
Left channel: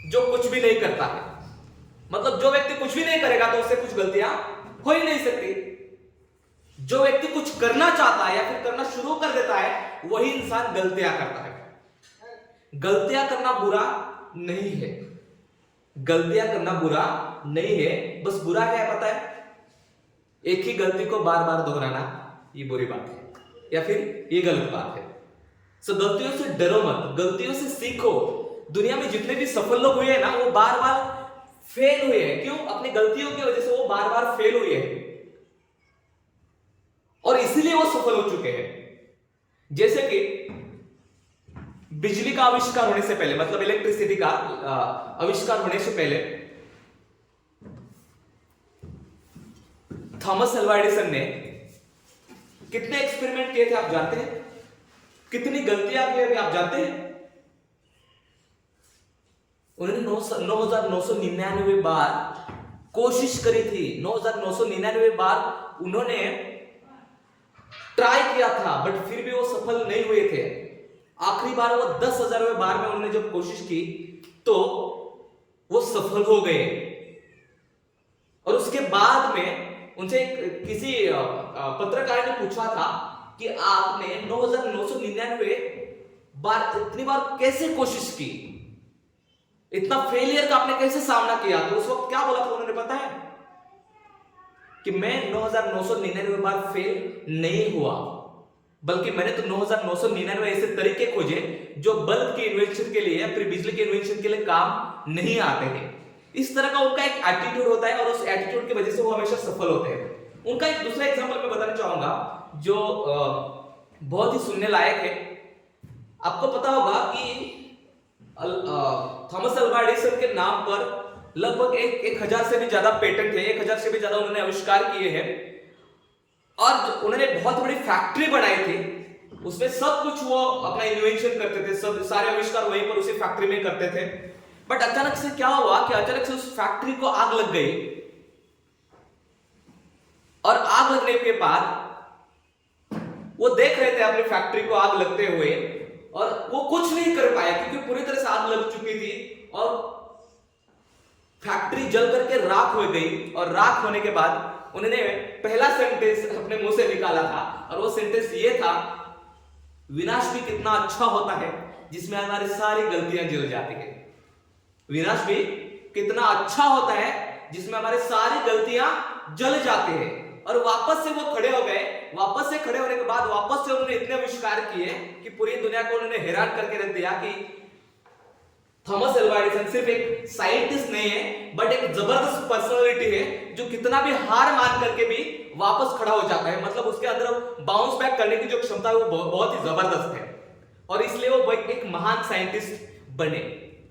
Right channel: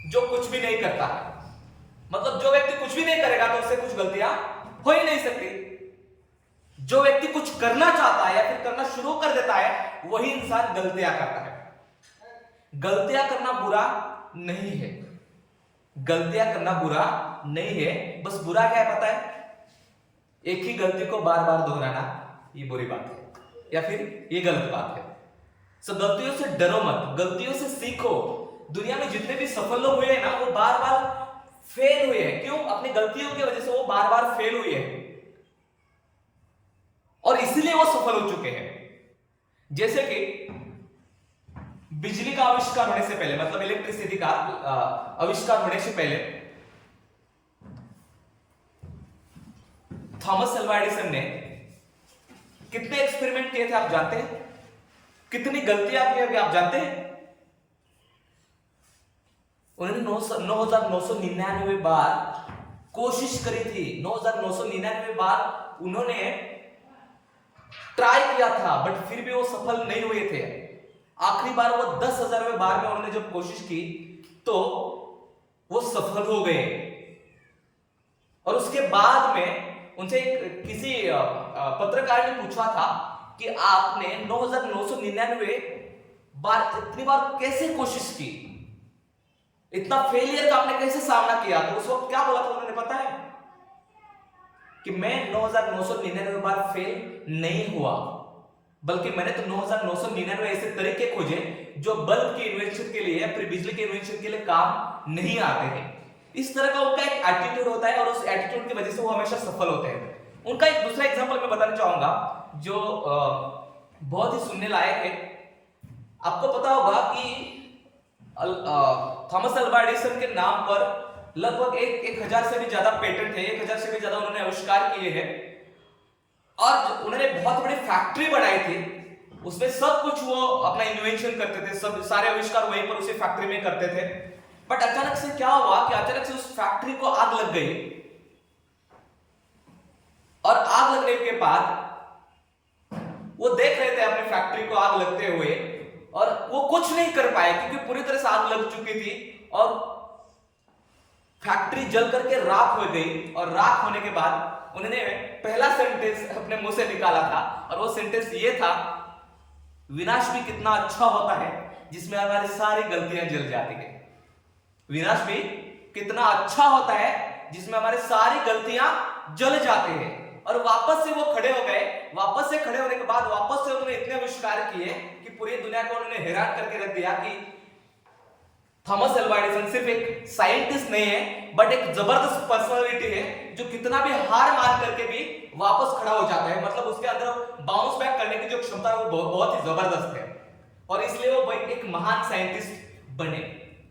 जो कुछ भी नहीं करता है। मतलब जो व्यक्ति कुछ भी नहीं करेगा तो उससे कुछ गलतियां हो ही नहीं सकती। जो व्यक्ति कुछ करना चाहता है या फिर करना शुरू कर देता है, वही इंसान गलतियां करता है। गलतियां करना बुरा नहीं है, गलतियां करना बुरा नहीं है, बस बुरा क्या है पता है, एक ही गलती को बार बार दोहराना ये बुरी बात है, या फिर ये गलत बात है। सो गलतियों से डरो मत, गलतियों से सीखो। दुनिया में जितने भी सफल लोग हुए हैं ना, वो बार बार फेल हुए हैं। क्यों? अपनी गलतियों की वजह से वो बार बार फेल हुए हैं, और इसीलिए वो सफल हो चुके हैं। जैसे कि बिजली का आविष्कार होने से पहले, मतलब इलेक्ट्रिसिटी का आविष्कार होने से पहले, थॉमस अल्वा एडिसन ने कितने एक्सपेरिमेंट किए थे आप जानते हैं? कितनी गलतियां की होंगी आप जानते हैं? उन्होंने 9,999 बार कोशिश करी थी, 9,999 बार उन्होंने ट्राई किया था, बट फिर भी वो सफल नहीं हुए थे। आखिरी बार वो 10,000वें बार में उन्होंने जब कोशिश की तो वो सफल हो गए। और उसके बाद में उनसे किसी पत्रकार ने पूछा था कि आपने 9,999 बार इतनी बार कैसे कोशिश की, इतना फेलियर का आपने कैसे सामना किया? तो उस वक्त क्या बोला था उन्होंने पता है? कि मैं 9,999 बार फेल नहीं हुआ, बल्कि मैंने तो 9,999 ऐसे तरीके खोजे जो बल्ब के इन्वेंशन के लिए या फिर बिजली के इन्वेंशन के लिए काम नहीं आते थे। इस तरह का उनका एक एटीट्यूड होता है, और उस एटीट्यूड की वजह से वो हमेशा सफल होते हैं। उनका एक दूसरा एग्जांपल मैं बताना चाहूंगा जो बहुत ही सुनने लायक है। आपको पता होगा कि थॉमस अल्वा एडिसन के नाम पर लगभग 1000 से भी ज्यादा पेटेंट है, 1000 से भी ज्यादा उन्होंने आविष्कार किए हैं और उन्होंने बहुत बड़ी फैक्ट्री बनाई थी। उसमें सब कुछ वो अपना इन्वेंशन करते थे, सब सारे आविष्कार वहीं पर उसी फैक्ट्री में करते थे। बट अचानक से क्या हुआ कि अचानक से उस फैक्ट्री को आग लग गई और आग लगने के बाद वो देख रहे थे अपनी फैक्ट्री को आग लगते हुए और वो कुछ नहीं कर पाए क्योंकि पूरी तरह से आग लग चुकी थी और फैक्ट्री जल करके राख हो गई। और राख होने के बाद उन्होंने पहला सेंटेंस अपने मुंह से निकाला था और वो सेंटेंस ये था, विनाश भी कितना अच्छा होता है जिसमें हमारी सारी गलतियां जल जाती है। विनाश भी कितना अच्छा होता है जिसमें हमारी सारी गलतियां जल जाती है। और वापस से वो खड़े हो गए। वापस से खड़े होने के बाद वापस से उन्होंने इतने आविष्कार किए कि पूरी दुनिया को उन्होंने हैरान करके रख दिया कि थॉमस अल्वा एडिसन सिर्फ एक साइंटिस्ट नहीं है बट एक जबरदस्त पर्सनालिटी है जो कितना भी हार मान करके भी वापस खड़ा हो जाता है। मतलब उसके अंदर बाउंस बैक करने की जो क्षमता है वो बहुत ही जबरदस्त है और इसलिए वो एक महान साइंटिस्ट बने।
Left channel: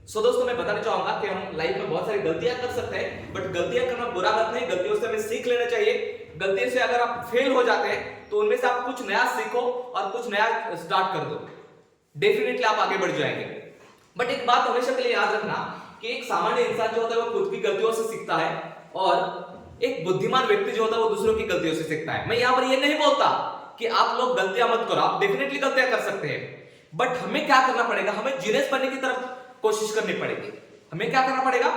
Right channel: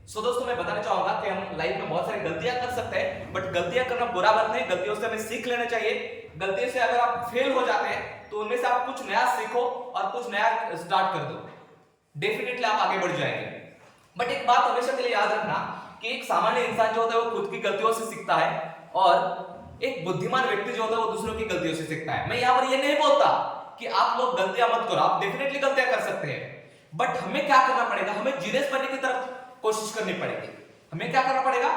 सो दोस्तों, मैं बताना चाहूंगा कि हम लाइफ में बहुत सारी गलतियां कर सकते हैं बट गलतियां करना बुरा बात नहीं, गलतियों से हमें सीख लेना चाहिए। गलतियों से अगर आप फेल हो जाते हैं तो उनमें से आप कुछ नया सीखो और कुछ नया स्टार्ट कर दो, डेफिनेटली आप आगे बढ़ जाएंगे। बट एक बात हमेशा के लिए याद रखना कि एक सामान्य इंसान जो होता है वो खुद की गलतियों से सीखता है और एक बुद्धिमान व्यक्ति जो होता है वो दूसरों की गलतियों से सीखता है। मैं यहां पर ये नहीं बोलता कि आप लोग गलतियां मत करो, आप डेफिनेटली गलतियां कर सकते हैं बट हमें क्या करना पड़ेगा, हमें जीनियस बनने की तरफ कोशिश करनी पड़ेगी। हमें क्या करना पड़ेगा,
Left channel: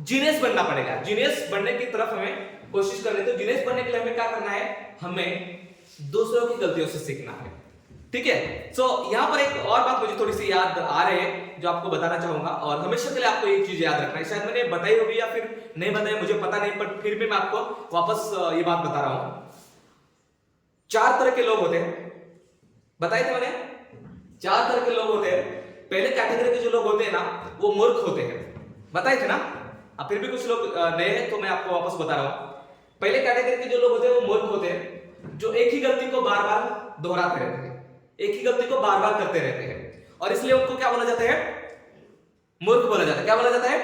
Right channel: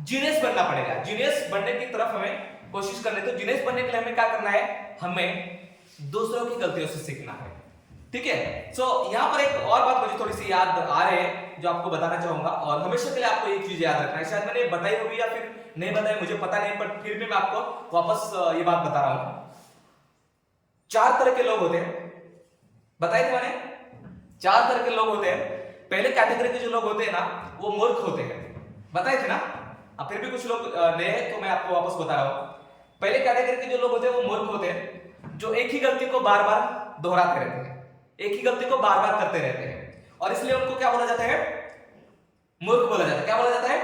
जीनियस बनना पड़ेगा। जीनियस बनने की तरफ हमें कोशिश करनी। तो जीनियस बनने के लिए हमें क्या करना है, हमें दूसरों की गलतियों से सीखना है। ठीक है। सो यहां पर एक और बात मुझे थोड़ी सी याद आ रही है जो आपको बताना चाहूंगा और हमेशा के लिए आपको ये चीज याद रखना है। शायद मैंने बताई होगी या फिर नहीं बताई, मुझे पता नहीं, बट फिर भी मैं आपको वापस ये बात बता रहा हूं। 4 तरह के लोग होते हैं, बताए थे मैंने, 4 तरह के लोग होते हैं। पहले कैटेगरी के जो लोग होते हैं ना वो मूर्ख होते हैं, बताए थे ना। अब फिर भी कुछ लोग नए हैं तो मैं आपको वापस बता रहा हूं। पहले कैटेगरी के जो लोग होते हैं वो मूर्ख होते हैं जो एक ही गलती को बार बार दोहराते रहते हैं, एक ही गलती को बार बार करते रहते हैं और इसलिए उनको क्या बोला जाता है, मूर्ख बोला जाता है। क्या बोला जाता है,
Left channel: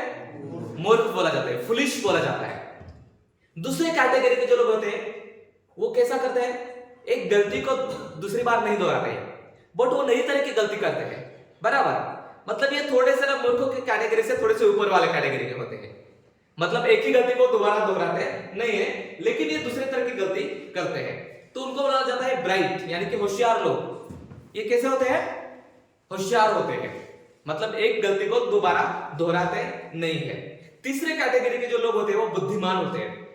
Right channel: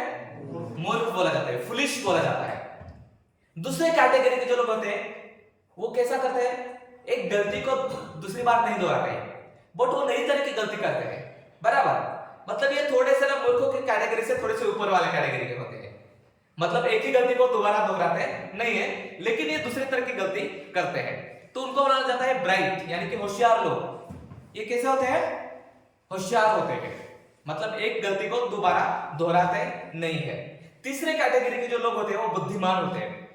मूर्ख बोला जाता है, फुलिश बोला जाता है। दूसरे कैटेगरी के जो लोग होते हैं वो कैसा करते हैं, एक गलती को दूसरी बार नहीं दोहराते हैं बट वो नई तरह की गलती करते हैं, बराबर। मतलब ये थोड़े से ना मूर्खों के कैटेगरी से थोड़े से ऊपर वाले कैटेगरी के होते हैं। मतलब एक ही गलती को दोबारा दोहराते नहीं है लेकिन ये दूसरे तरह की गलती करते हैं, तो उनको बोला जाता है ब्राइट, यानी कि होशियार लोग। ये कैसे होते हैं, होशियार होते हैं, मतलब एक गलती को दोबारा दोहराते नहीं है। तीसरे कैटेगरी के जो लोग होते हैं वो बुद्धिमान होते हैं।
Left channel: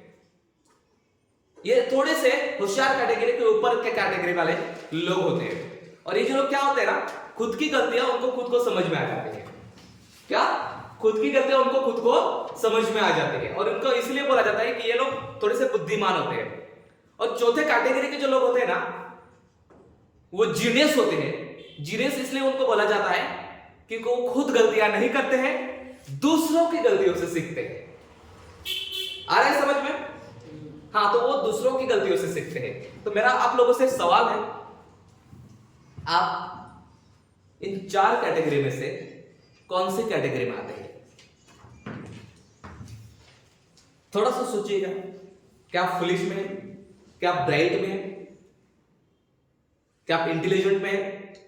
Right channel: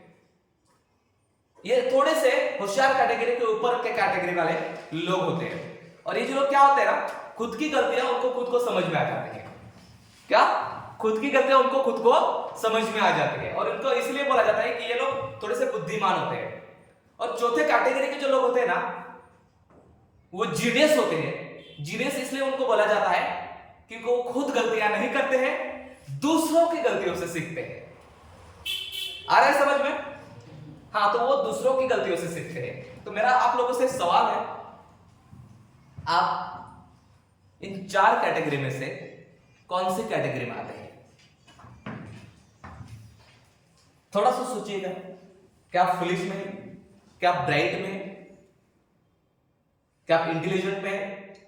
ये थोड़े से होशियार कैटेगरी के ऊपर के कैटेगरी वाले लोग होते हैं और ये जो लोग क्या होते हैं ना, खुद की गलतियां उनको खुद को समझ में आ जाती है। क्या, खुद की गलतियां उनको खुद को समझ में आ जाती है और इनको इसलिए बोला जाता है कि ये लोग थोड़े से बुद्धिमान होते हैं। और चौथे कैटेगरी के जो लोग होते हैं ना वो जीनियस होते हैं। जीनियस इसलिए उनको बोला जाता है कि वो खुद गलतियां नहीं करते हैं, दूसरों की गलतियों से सीखते हैं। आ रहा है समझ में? हाँ, तो वो दूसरों की गलतियों से सीखते हैं। तो मेरा आप लोगों से सवाल है, आप इन 4 कैटेगरी में से कौन सी कैटेगरी में आते हैं? थोड़ा सा सोचिएगा, क्या आप फुलिश में, क्या आप ब्राइट में, क्या आप इंटेलिजेंट में है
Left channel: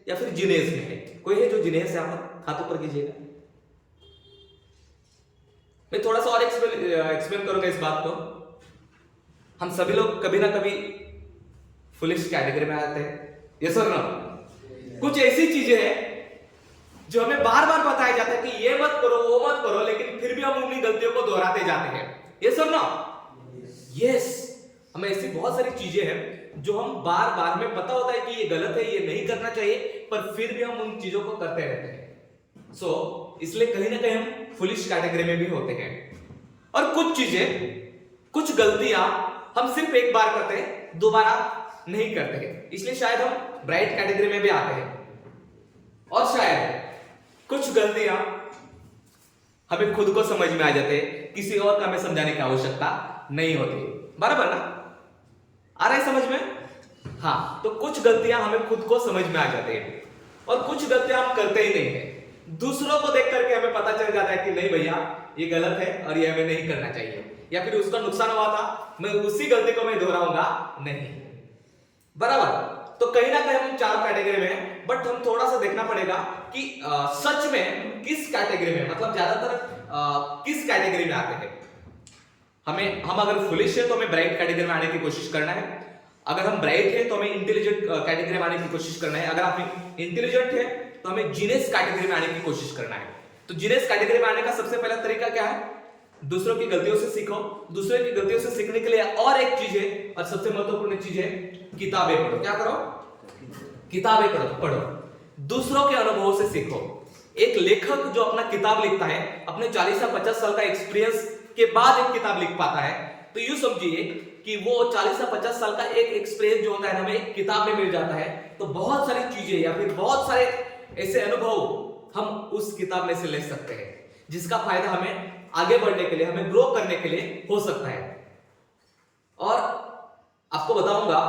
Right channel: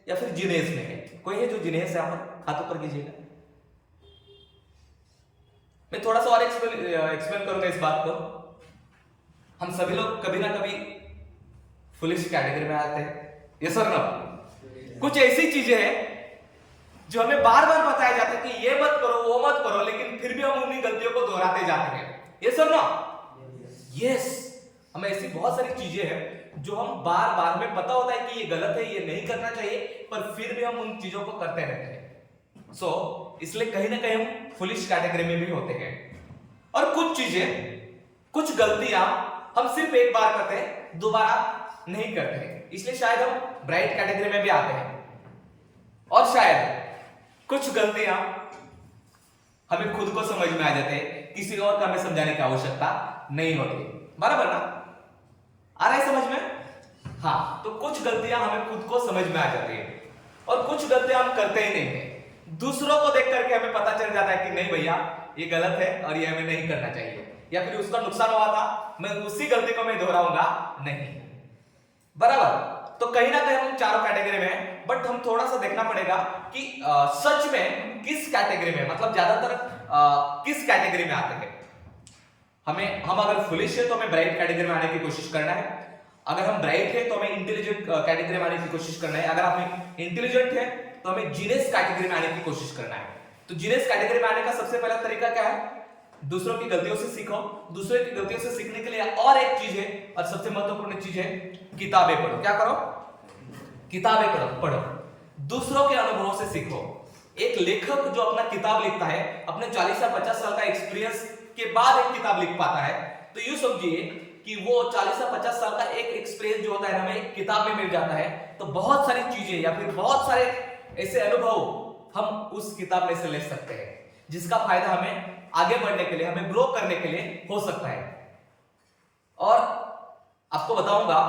या फिर जीनियस में है? कोई है जो जीनियस है? यहाँ पर हाथ ऊपर कीजिएगा। मैं थोड़ा सा और एक्सप्लेन करूंगा इस बात को। हम सभी लोग कभी ना कभी फुलिश कैटेगरी में आते हैं, यस और नो? कुछ ऐसी चीजें हैं जो हमें बार बार बताया जाता है कि ये मत करो, वो मत करो, लेकिन फिर भी हम उन्हीं गलतियों को दोहराते जाते हैं, यस और नो? यस। हमें ऐसी बहुत सारी चीजें हैं जो हम बार बार, हमें पता होता है कि ये गलत है, ये नहीं करना चाहिए, पर फिर भी हम उन चीजों को करते रहते हैं। सो इसलिए कहीं ना कहीं हम फुलिश कैटेगरी में भी होते हैं। और कुछ चीजें, कुछ गलतियां हम सिर्फ एक बार करते हैं, दोबारा नहीं करते हैं, इसलिए शायद हम ब्राइट कैटेगरी में भी आते हैं। और शायद कुछ गलतियां हमें खुद को समझ में आ जाते हैं, किसी और का हमें समझाने की आवश्यकता नहीं होती, बराबर ना? आ रहा है समझ में? हाँ, तो कुछ गलतियां हमें खुद को समझ में आ जाती है और कुछ गलतियां हम करते ही नहीं है। दूसरों को देख करके हमें पता चल जाता है कि नहीं भैया ये गलत है और ये हमें नहीं करना चाहिए, या फिर उसका नुकसान हुआ था, मैं उसी गलती को मैं दोहराऊंगा नहीं। बराबर। तो कहीं ना कहीं हम चारों कैटेगरी में हैं, बट हम थोड़ा सा देखना पड़ेगा कि सच में किस कैटेगरी में, मतलब ज्यादातर किस कैटेगरी में आते हैं। हम अगर फुलिश है तो हमें ब्राइट कैटेगरी में आने की कोशिश करना है, अगर हम ब्राइट है तो हमें इंटेलिजेंट कैटेगरी में आने की कोशिश करना है, अगर आप इंटेलिजेंट है तो हमें जीनियस कैटेगरी में आने की कोशिश करना है। तो जीनियस कैटेगरी में आने का सबसे पहला तरीका क्या है? दूसरों की गलतियों से सीखो। दूसरों की गलतियों से सीखने के लिए और एक चीज है, और सबसे महत्वपूर्ण चीज है, किताबें पढ़ो। क्या करो? किताबें पढ़ो। दूसरों के अनुभवों से सीखो। एक लेखक जो अपना किताब लिखता है, अपने 40 या 50 साल का एक्सपीरियंस के बाद एक किताब लिख पाता है, तो यूं समझिए कि वो 40 या 50 साल का एक एक्सपीरियंस जो होता है हमें एक किताब में मिल जाता है। तो बहुत सारी चीजें या फिर बहुत सारे ऐसे अनुभव हम उस किताब में से ले सकते हैं, जिसका फायदा हमें आगे बढ़ने के लिए, हमें ग्रो करने के लिए हो सकता है। और आपको बताऊंगा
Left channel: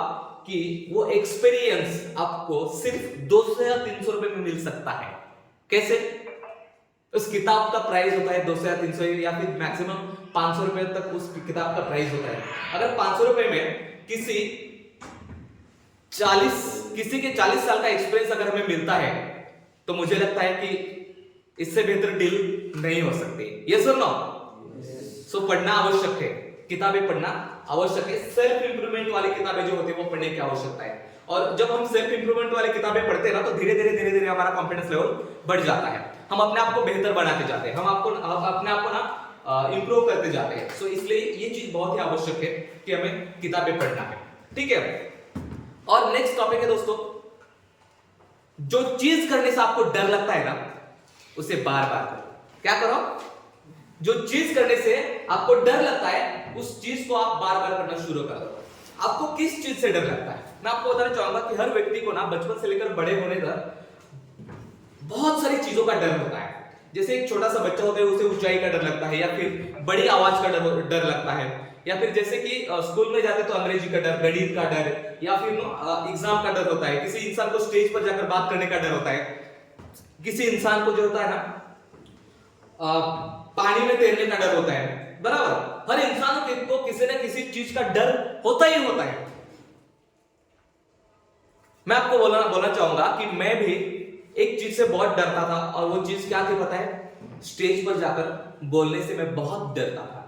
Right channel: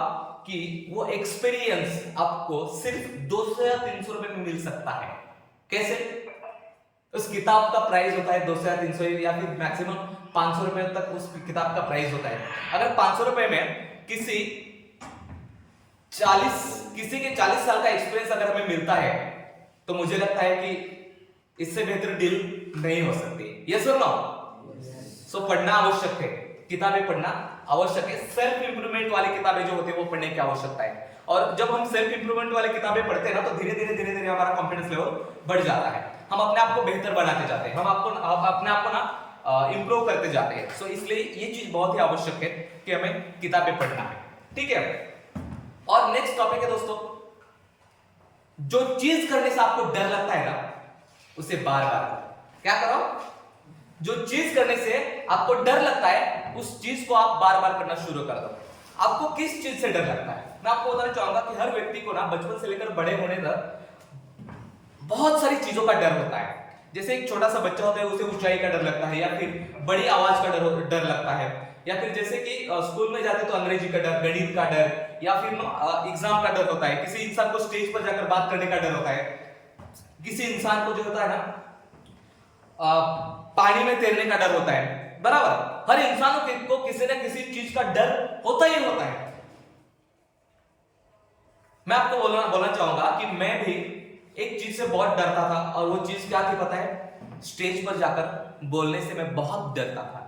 कि वो एक्सपीरियंस आपको सिर्फ 200 या 300 रुपए में मिल सकता है। कैसे? उस किताब का प्राइस होता है 200 या 300 या फिर मैक्सिमम 500 रुपए तक उस किताब का प्राइस होता है। अगर 500 रुपए में किसी के 40 साल का एक्सपीरियंस अगर हमें मिलता है, तो मुझे लगता है कि इससे बेहतर डील नहीं हो सकती। यस और नो? सो पढ़ना आवश्यक है, किताबें पढ़ना आवश्यक है। सेल्फ इंप्रूवमेंट वाली किताबें जो होती है वो पढ़ने की आवश्यकता है। और जब हम सेल्फ इंप्रूवमेंट वाली किताबें पढ़ते हैं ना, तो धीरे धीरे हमारा कॉन्फिडेंस लेवल बढ़ जाता है। हम अपने आप को बेहतर बनाते जाते हैं, हम अपने आप को ना इंप्रूव करते जाते हैं। सो इसलिए ये चीज बहुत ही आवश्यक है कि हमें किताबें पढ़ना है। ठीक है। और नेक्स्ट टॉपिक है दोस्तों, जो चीज करने से आपको डर लगता है ना, उसे बार बार करो। क्या करो? जो चीज करने से आपको डर लगता है, उस चीज को आप बार बार करना शुरू कर दो। आपको किस चीज से डर लगता है? मैं आपको बताना चाहूंगा कि हर व्यक्ति को ना बचपन से लेकर बड़े होने तक बहुत सारी चीजों का डर होता है। जैसे एक छोटा सा बच्चा होता है, उसे ऊंचाई का डर लगता है, या फिर बड़ी आवाज का डर लगता है, या फिर जैसे कि स्कूल में जाते तो अंग्रेजी का डर, गणित का डर, या फिर एग्जाम का डर होता है। किसी इंसान को स्टेज पर जाकर बात करने का डर होता है। किसी इंसान को जो होता है ना पानी में तैरने का डर होता है। बराबर। हर इंसान को किसी न किसी चीज का डर होता ही होता है। मैं आपको बोलना चाहूंगा कि मैं भी एक चीज से बहुत डरता था, और वो चीज क्या थी पता है? स्टेज पर जाकर बोलने से मैं बहुत डरता था।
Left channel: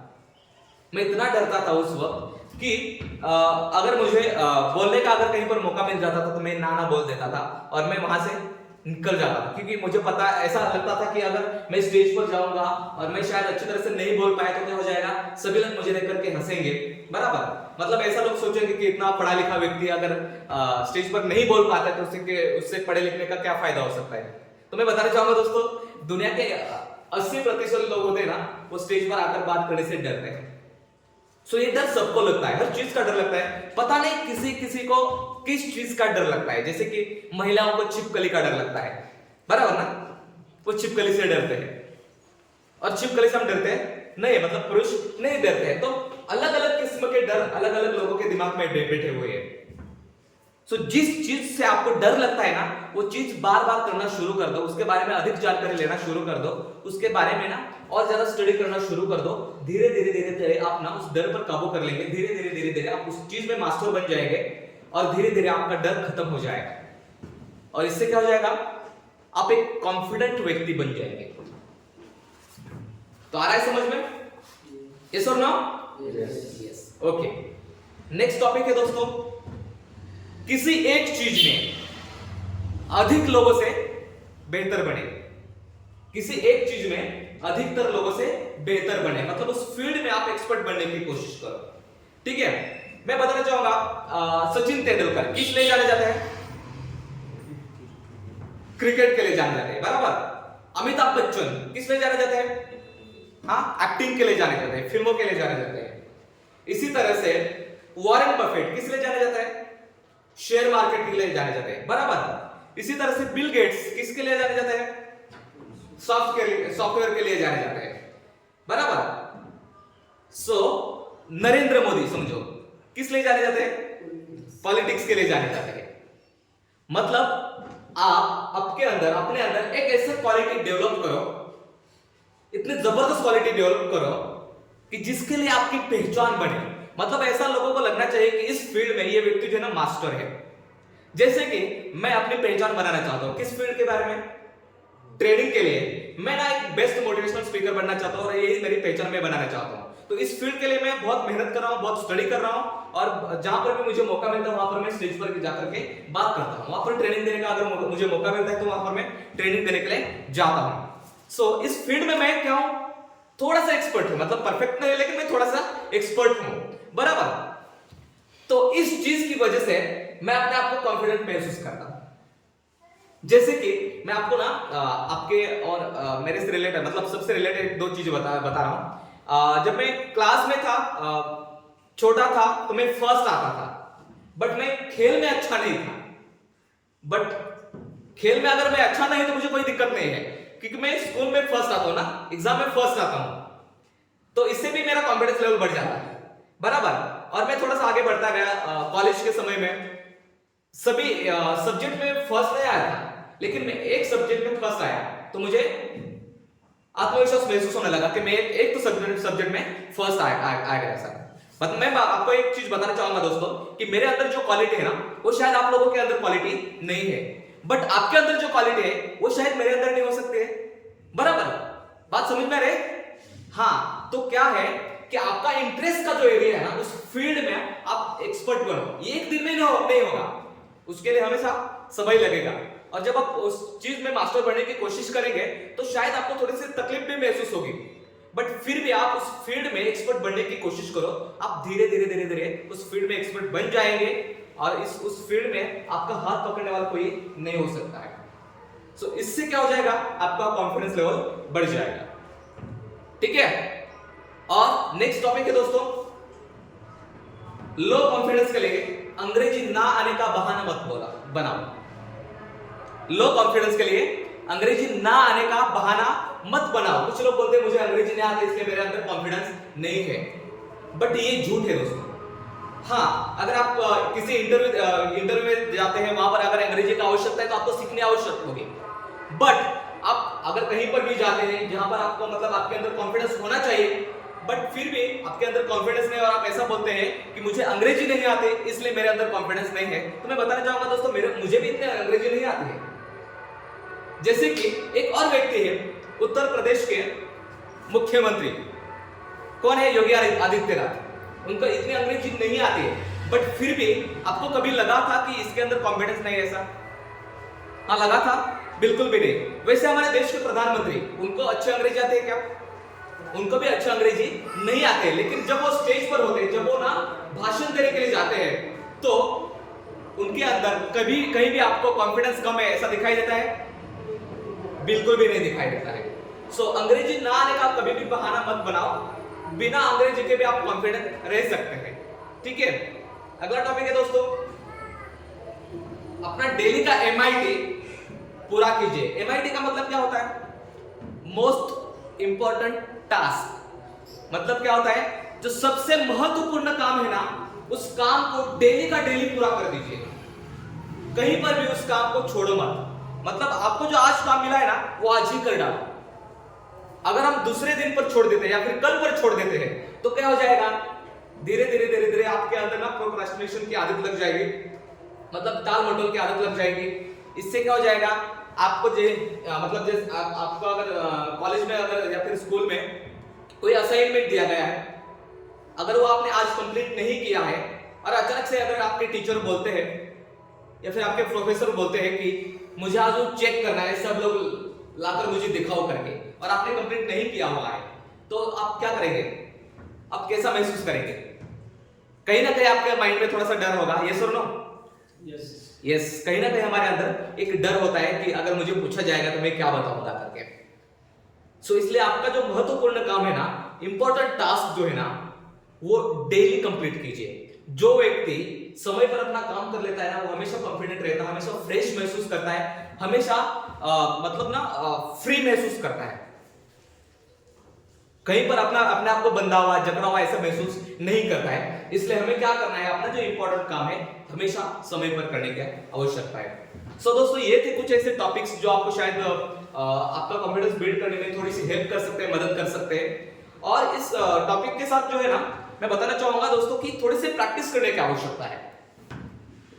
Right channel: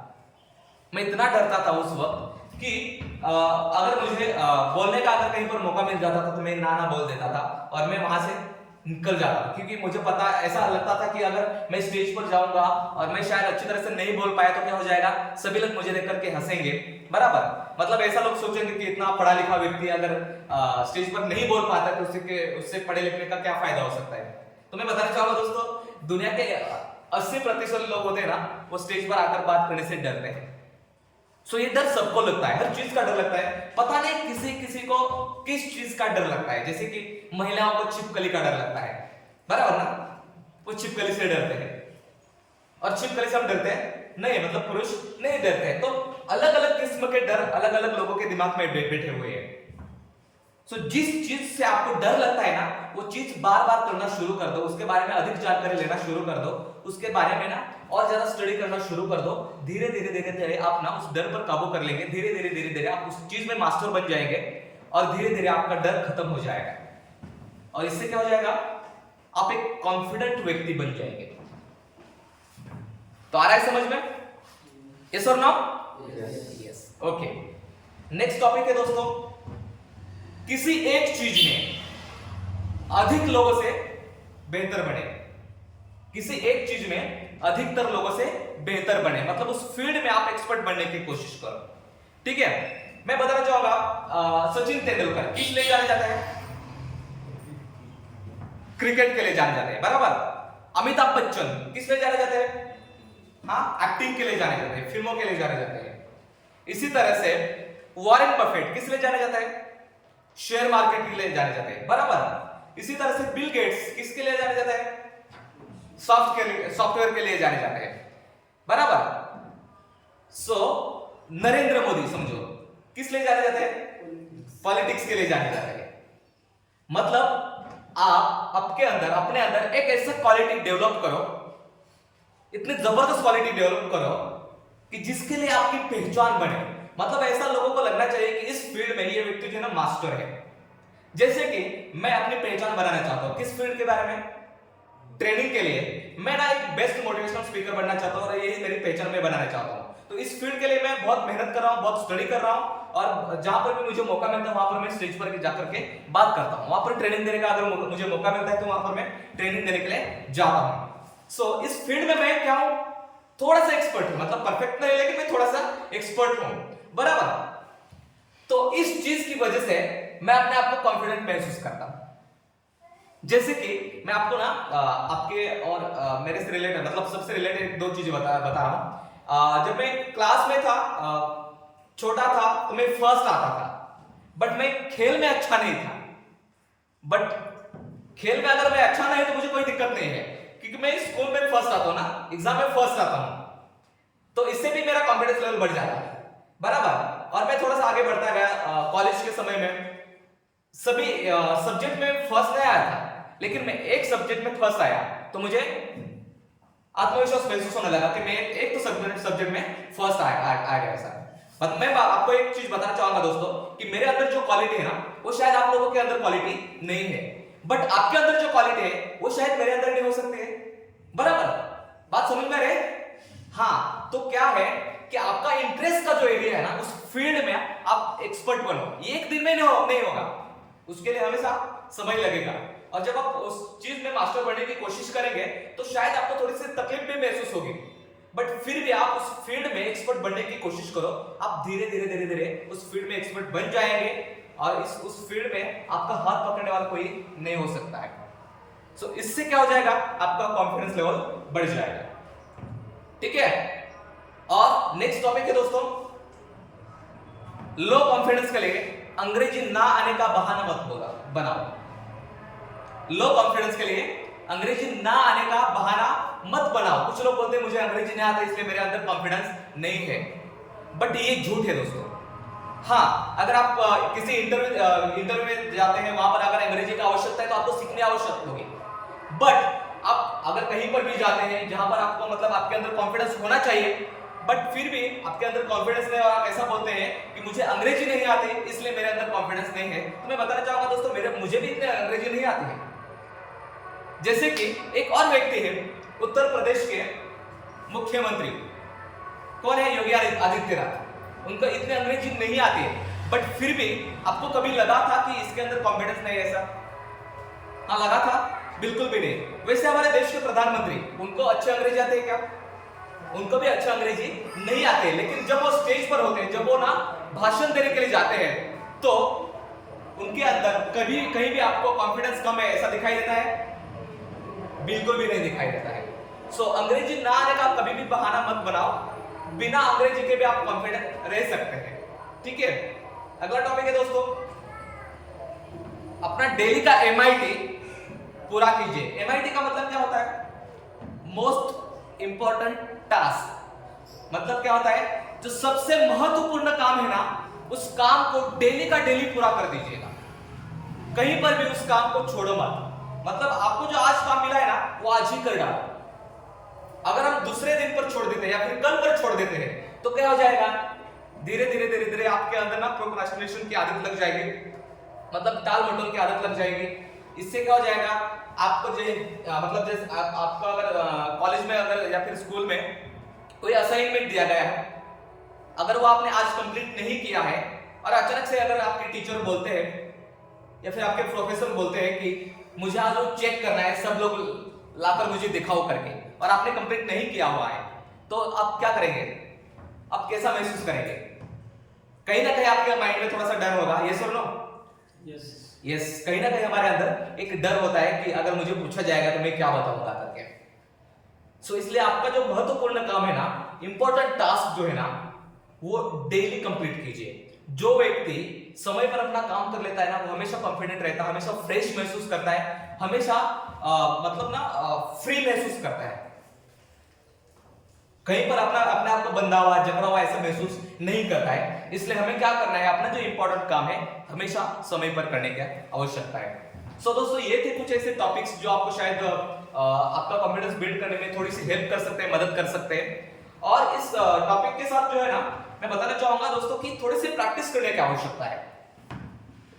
मैं इतना डरता था उस वक्त कि अगर मुझे बोलने का अगर कहीं पर मौका मिल जाता था तो मैं ना बोल देता था, और मैं वहां से निकल जाता था। क्योंकि मुझे पता, ऐसा लगता था कि अगर मैं स्टेज पर जाऊंगा और मैं शायद अच्छी तरह से नहीं बोल पाया तो क्या हो जाएगा? सभी लोग मुझे देख करके हंसेंगे। बराबर। मतलब ऐसा लोग सोचेंगे कि इतना पढ़ा लिखा व्यक्ति अगर स्टेज पर नहीं बोल पाता तो उससे पढ़े लिखने का क्या फायदा हो सकता है? तो मैं बताना चाहूंगा दोस्तों, दुनिया के 80% लोग होते हैं ना, वो स्टेज पर आकर बात करने से डरते हैं। सो ये डर सबको लगता है, हर चीज का डर लगता है। पता नहीं किसी को किस चीज का डर लगता है। जैसे कि महिलाओं को छिपकली का डर लगता है। बराबर ना? वो छिपकली से डरते हैं, और छिपकली से हम डरते हैं नहीं, मतलब पुरुष नहीं डरते हैं। तो अलग अलग किस्म के डर अलग अलग लोगों के दिमाग में बैठे हुए हैं। सो जिस चीज से आपको डर लगता है ना, वो चीज बार बार करना शुरू कर दो, उसके बारे में अधिक जानकारी लेना शुरू कर दो, उसके बारे में ना और ज्यादा स्टडी करना शुरू कर दो। धीरे धीरे आप ना उस डर पर काबू कर लेंगे। धीरे धीरे आप उस चीज में मास्टर बन जाएंगे, और धीरे धीरे आपका डर खत्म हो जाएगा। और इससे क्या हो जाएगा? आप एक कॉन्फिडेंट व्यक्ति बन जाएंगे। तो आ रहा है समझ में? यस और no? Yes. Okay. Next topic है दोस्तों, किसी एक चीज में अधिक लोगों से बेहतर बने। किसी एक चीज में अधिकतर लोगों से बेहतर बने, मतलब उस फील्ड में आप एक्सपर्ट बनने की कोशिश करो। ठीक है। मैं बताना चाहूंगा, सचिन तेंदुलकर किस लिए जाने जाते हैं? क्रिकेट के लिए जाने जाते हैं। बराबर। अमिताभ बच्चन किस लिए जाने जाते हैं? हाँ, एक्टिंग के लिए जाने जाते हैं, फिल्मों के लिए जाने जाते हैं। इसी तरह से वॉरेन बफेट किस लिए जाने जाते हैं? शेयर मार्केट के लिए जाने जाते हैं। बराबर। इसी तरह से बिल गेट्स किसके लिए जाने जाते हैं? सॉफ्टवेयर के लिए जाने जाते हैं। बराबर। सो नरेंद्र मोदी समझो किस लिए जाने जाते हैं? पॉलिटिक्स के लिए जाने जाते हैं। मतलब आप आपके अंदर अपने अंदर एक ऐसा क्वालिटी डेवलप करो, इतनी जबरदस्त क्वालिटी डेवलप करो कि जिसके लिए आपकी पहचान बने। मतलब ऐसा लोगों को लगना चाहिए कि इस फील्ड में ये व्यक्ति जो है ना मास्टर है। जैसे कि मैं अपनी पहचान बनाना चाहता हूं किस फील्ड के बारे में, ट्रेनिंग के लिए मैं ना एक बेस्ट मोटिवेशनल स्पीकर बनना चाहता हूं और यही मेरी पहचान मैं बनाना चाहता हूं। तो इस फील्ड के लिए मैं बहुत मेहनत कर रहा हूं, बहुत स्टडी कर रहा हूं और जहां पर भी मुझे मौका मिलता है वहां पर मैं स्टेज पर जाकर के बात करता हूं, वहां पर ट्रेनिंग देने का अगर मुझे मौका मिलता है तो वहां पर मैं ट्रेनिंग देने के लिए जाता हूं। सो इस फील्ड में मैं क्या हूं, थोड़ा सा एक्सपर्ट हूं, मतलब परफेक्ट नहीं लेकिन मैं थोड़ा सा एक्सपर्ट हूं, बराबर। तो इस चीज की वजह से मैं अपने आप को कॉन्फिडेंट महसूस करता हूं। जैसे कि मैं आपको ना आपके और मेरे से रिलेटेड, मतलब सबसे रिलेटेड दो चीजें बता रहा हूं। जब मैं क्लास में था, छोटा था, तो मैं फर्स्ट आता था, बट मैं खेल में अच्छा नहीं था। बट खेल में अगर मैं अच्छा नहीं तो मुझे कोई दिक्कत नहीं है, क्योंकि मैं स्कूल में फर्स्ट आता हूं ना, एग्जाम में फर्स्ट आता हूं, तो इससे भी मेरा कॉन्फिडेंस लेवल बढ़ जाता है, बराबर। और मैं थोड़ा सा आगे बढ़ता गया। कॉलेज के समय में सभी सब्जेक्ट में फर्स्ट नहीं आया था, लेकिन मैं एक सब्जेक्ट में फर्स्ट आया तो मुझे आत्मविश्वास महसूस होने लगा कि मैं एक तो सब्जेक्ट में फर्स्ट आ गया सर। मतलब मैं आपको एक चीज बताना चाहूंगा दोस्तों कि मेरे अंदर जो क्वालिटी है ना, वो शायद आप लोगों के अंदर क्वालिटी नहीं है, बट आपके अंदर जो क्वालिटी है वो शायद मेरे अंदर नहीं हो सकती है, बराबर। बात समझ में आ रही है? हाँ, तो क्या है कि आपका इंटरेस्ट का जो एरिया है ना, उस फील्ड में आप एक्सपर्ट बनो। एक दिन में नहीं होगा, उसके लिए हमेशा समय लगेगा। और जब आप उस चीज में मास्टर बनने की कोशिश करेंगे तो शायद आपको थोड़ी सी तकलीफ भी महसूस होगी, बट फिर भी आप उस फील्ड में एक्सपर्ट बनने की कोशिश करो। आप धीरे धीरे उस फील्ड में एक्सपर्ट बन जाएंगे और उस फील्ड में आपका हाथ पकड़ने वाला कोई नहीं हो सकता है। सो इससे क्या हो जाएगा, आपका कॉन्फिडेंस लेवल बढ़ जाएगा, ठीक है। और नेक्स्ट टॉपिक है दोस्तों, लो कॉन्फिडेंस के लिए अंग्रेजी ना आने का बहाना मत बनाओ। लो कॉन्फिडेंस के लिए अंग्रेजी ना आने का बहाना मत बनाओ। कुछ लोग बोलते हैं मुझे अंग्रेजी नहीं आता इसलिए मेरे अंदर कॉन्फिडेंस नहीं है, बट ये झूठ है दोस्तों। हाँ, अगर आप किसी इंटरव्यू में जाते हैं, वहां पर अगर अंग्रेजी की आवश्यकता है तो आपको सीखनी आवश्यक होगी, बट आप अगर कहीं पर भी जाते हैं जहां पर आपको मतलब आपके अंदर कॉन्फिडेंस होना चाहिए, बट फिर भी आपके अंदर कॉन्फिडेंस नहीं और आप ऐसा बोलते हैं कि मुझे अंग्रेजी नहीं आती इसलिए मेरे अंदर कॉन्फिडेंस नहीं है, तो मैं बताना चाहूंगा दोस्तों मुझे भी इतने अंग्रेजी नहीं आती है। जैसे कि एक और व्यक्ति है उत्तर प्रदेश के मुख्यमंत्री, कौन है, योगी आदित्यनाथ। उनको इतनी अंग्रेजी नहीं आती है, बट फिर भी आपको कभी लगा था कि इसके अंदर कॉन्फिडेंस नहीं है ऐसा? हाँ, लगा था? बिल्कुल भी नहीं। वैसे हमारे देश के प्रधानमंत्री, उनको अच्छी अंग्रेजी आती है क्या? उनको भी अच्छा अंग्रेजी नहीं आते, लेकिन जब वो स्टेज पर होते हैं, जब वो ना भाषण देने के लिए जाते हैं, तो उनके अंदर कभी कहीं भी आपको कॉन्फिडेंस कम है ऐसा दिखाई देता है? बिल्कुल भी नहीं दिखाई देता है। सो अंग्रेजी ना आने का कभी भी बहाना मत बनाओ, बिना अंग्रेजी के भी आप कॉन्फिडेंट रह सकते हैं, ठीक है। अगला टॉपिक है दोस्तों, अपना डेली का MIT पूरा कीजिए। MIT का मतलब क्या होता है? Most important task. मतलब क्या होता है, जो सबसे महत्वपूर्ण काम है ना, उस काम को डेली का डेली पूरा कर दीजिएगा, कहीं पर भी उस काम को छोड़ो मत। मतलब आपको जो आज काम मिला है ना, वो आज ही कर डालो। अगर हम दूसरे दिन पर छोड़ देते हैं या फिर कल पर छोड़ देते हैं तो क्या हो जाएगा, धीरे धीरे आपके अंदर ना प्रोक्रास्टिनेशन की आदत लग जाएगी, मतलब टाल मटोल की आदत लग जाएगी। इससे क्या हो जाएगा, आपको मतलब जैसे आपको अगर कॉलेज में अगर या फिर स्कूल में कोई असाइनमेंट दिया गया है, अगर वो आपने आज कंप्लीट नहीं किया है और अचानक से अगर आपके टीचर बोलते हैं या फिर आपके प्रोफेसर बोलते हैं कि मुझे आज वो चेक करना है, सब लोग लाकर मुझे दिखाओ करके, और आपने कंप्लीट नहीं किया हुआ है, तो आप क्या करेंगे? आप कैसा महसूस करेंगे? कहीं ना कहीं आपके माइंड में थोड़ा सा डर होगा, यस और नो? यस, कहीं ना कहीं हमारे अंदर एक डर होता है कि अगर मुझे पूछा जाएगा तो मैं क्या बताऊंगा करके। सो इसलिए आपका जो महत्वपूर्ण काम है ना, इंपॉर्टेंट टास्क जो है ना, वो डेली कंप्लीट कीजिए। जो व्यक्ति समय पर अपना काम कर लेता है ना, वो हमेशा कॉन्फिडेंट रहता है, हमेशा फ्रेश महसूस करता है, हमेशा मतलब ना फ्री महसूस करता है, कहीं पर अपने आप को बंधा हुआ जकड़ा हुआ ऐसा महसूस नहीं करता है। इसलिए हमें क्या करना है, अपना जो इंपॉर्टेंट काम है हमेशा समय पर करने की आवश्यकता है। सो दोस्तों ये थे कुछ ऐसे टॉपिक्स जो आपको शायद आपका कॉन्फिडेंस बिल्ड करने में थोड़ी सी हेल्प कर सकते हैं, मदद कर सकते हैं। और इस टॉपिक के साथ जो है ना मैं बताना चाहूंगा दोस्तों कि थोड़ी सी प्रैक्टिस करने की आवश्यकता है।